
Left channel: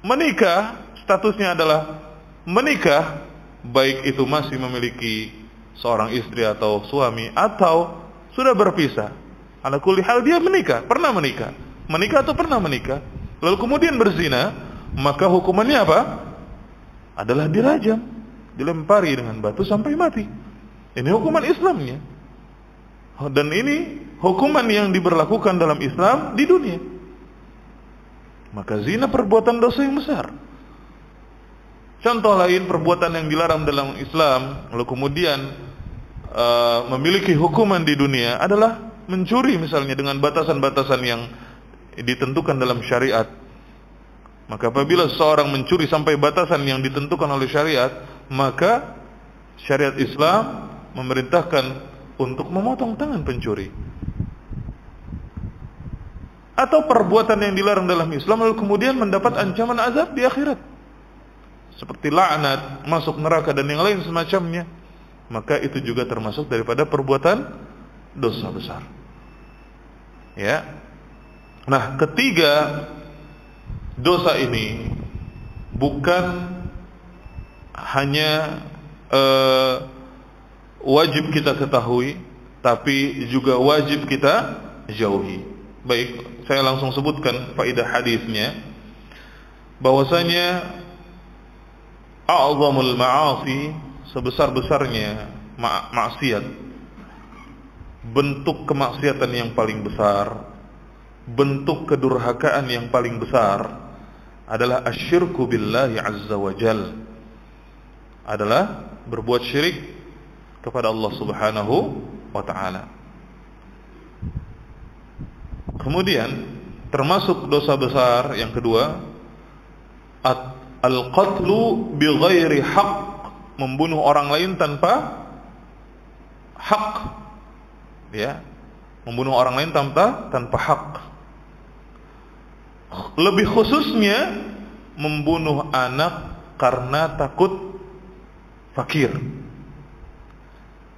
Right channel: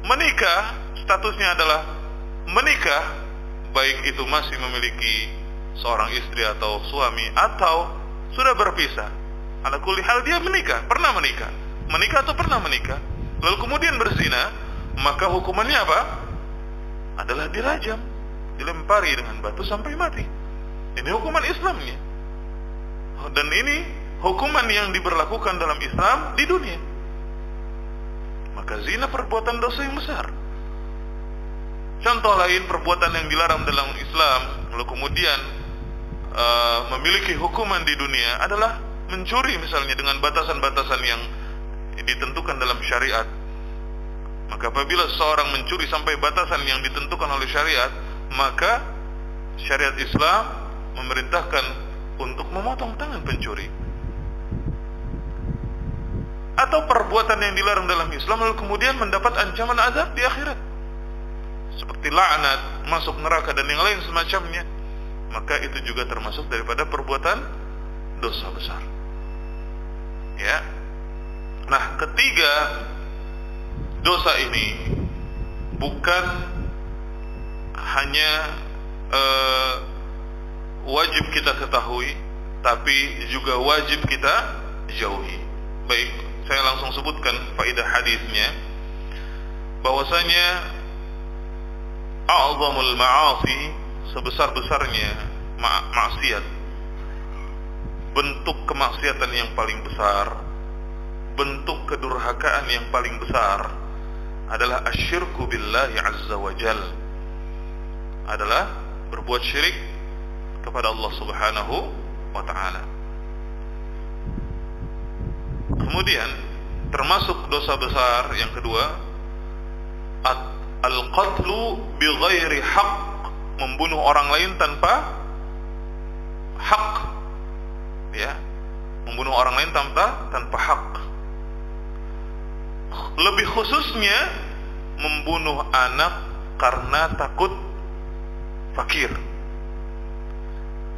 menikah, statusnya adalah menikah, baik itu masih memiliki seorang istri atau suami, atau sudah berpisah. Ala kulli hal dia menikah, pernah menikah atau pernah menikah, lalu kemudian berzina, maka hukumannya apa? Adalah dirajam, dilempari dengan batu sampai mati. Ini hukuman Islamnya. Dan ini hukuman yang diberlakukan dalam Islam di dunia. Maka zina perbuatan dosa yang besar. Contoh lain perbuatan yang dilarang dalam Islam lalu kemudian memiliki hukuman di dunia adalah mencuri, misalnya dengan batasan-batasan yang ditentukan dalam syariat. Maka apabila seorang mencuri sampai batasan yang ditentukan oleh syariat, maka syariat Islam memerintahkan untuk memotong tangan pencuri. Atau perbuatan yang dilarang dalam Islam lalu kemudian mendapat ancaman azab di akhirat, seperti laknat, masuk neraka dan yang lain semacamnya, maka itu juga termasuk daripada perbuatan dosa besar. Ya. Nah, ketiga, dosa ini bukan hanya wajib kita ketahui, tapi juga wajib kita jauhi. Baik, saya langsung sebutkan faedah hadisnya, bahwasanya a'zamul ma'asi, sebesar-besarnya maksiat, bentuk kemaksiatan yang paling besar, bentuk kedurhakaan yang paling besar adalah asyirku billahi azza wa jal, adalah berbuat syirik kepada Allah subhanahu wa ta'ala. Kemudian termasuk dosa besar yang kedua, al-qatlu bighairi haq, membunuh orang lain tanpa hak. Ya, membunuh orang lain tanpa hak. Lebih khususnya membunuh anak karena takut fakir.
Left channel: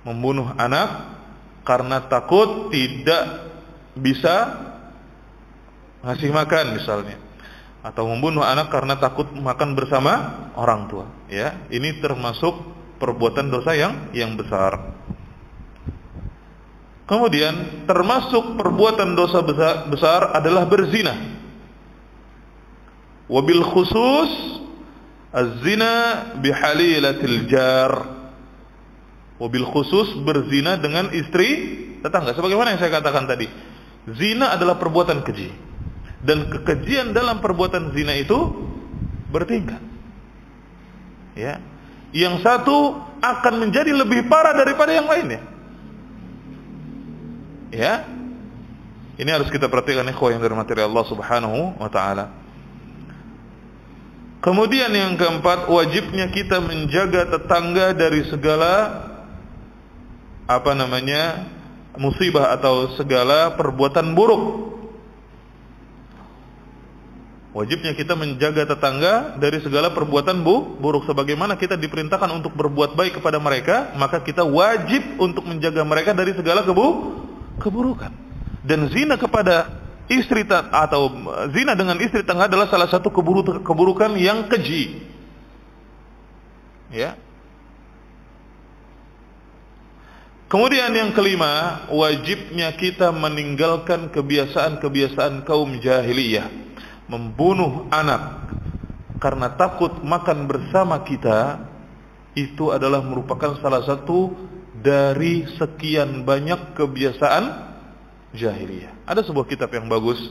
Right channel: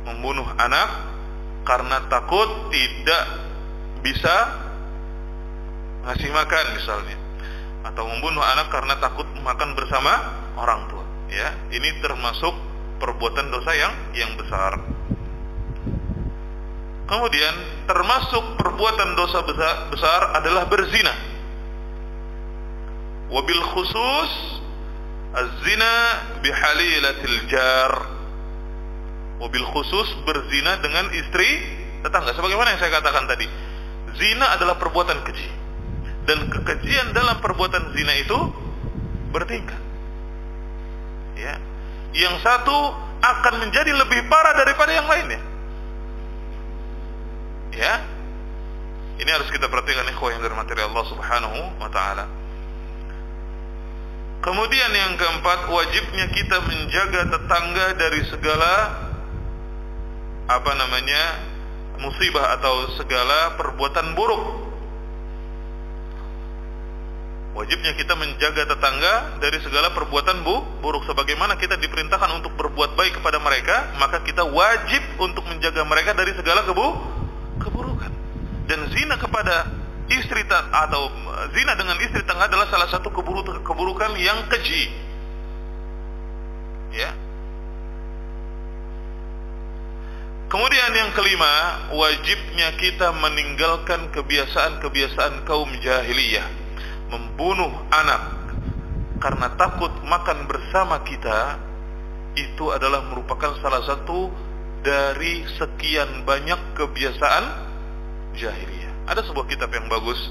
Membunuh anak karena takut tidak bisa ngasih makan misalnya, atau membunuh anak karena takut makan bersama orang tua. Ya, ini termasuk perbuatan dosa yang besar. Kemudian termasuk perbuatan dosa besar adalah berzina. Wabil khusus az-zina bihalilatil jar. Wabil khusus berzina dengan istri tetangga. Sebagaimana yang saya katakan tadi, zina adalah perbuatan keji, dan kekejian dalam perbuatan zina itu bertingkat. Ya, yang satu akan menjadi lebih parah daripada yang lainnya. Ya, ini harus kita perhatikan, ikhwah yang dirahmati Allah subhanahu wa ta'ala. Kemudian yang keempat, wajibnya kita menjaga tetangga dari segala musibah atau segala perbuatan buruk. Wajibnya kita menjaga tetangga dari segala perbuatan buruk. Sebagaimana kita diperintahkan untuk berbuat baik kepada mereka, maka kita wajib untuk menjaga mereka dari segala keburukan. Dan zina kepada istri atau zina dengan istri tetangga adalah salah satu keburukan yang keji. Ya. Kemudian yang kelima, wajibnya kita meninggalkan kebiasaan-kebiasaan kaum jahiliyah, membunuh anak karena takut makan bersama kita. Itu adalah merupakan salah satu dari sekian banyak kebiasaan jahiliyah. Ada sebuah kitab yang bagus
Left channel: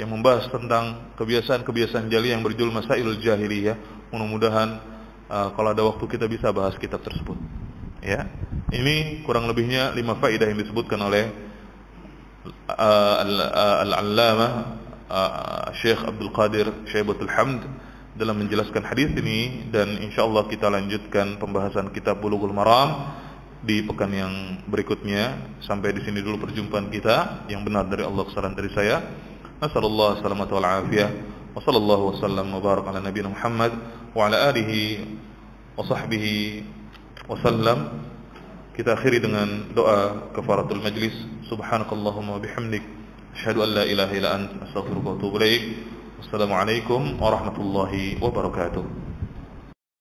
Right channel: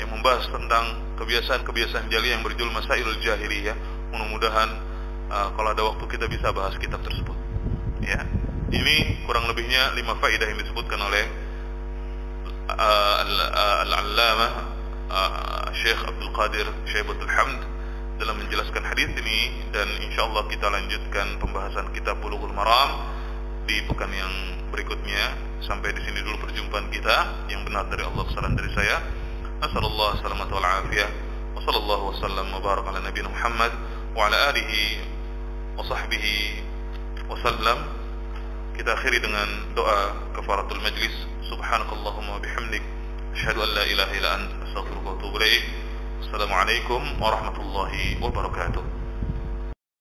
yang membahas tentang kebiasaan-kebiasaan jahiliyah yang berjudul Masailul Jahiliyah. Mudah-mudahan kalau ada waktu kita bisa bahas kitab tersebut. Ya. Ini kurang lebihnya 5 faedah yang disebutkan oleh Al-Allamah Syekh Abdul Qadir Syaibatul Hamd dalam menjelaskan hadis ini, dan insyaallah kita lanjutkan pembahasan kitab Bulughul Maram di pekan yang berikutnya. Sampai di sini dulu perjumpaan kita. Yang benar dari Allah, kesalahan dari saya. Nasallallahu salamata wal afiyah. Wa sallallahu wasallam wa baraka ala nabiyina Muhammad wa ala alihi wa sahbihi wasallam. Kita akhiri dengan doa kafaratul majlis. Subhanakallahumma wa bihamdik, asyhadu an la ilaha illa anta, astaghfiruka wa atubu ilaik. Assalamualaikum warahmatullahi wabarakatuh.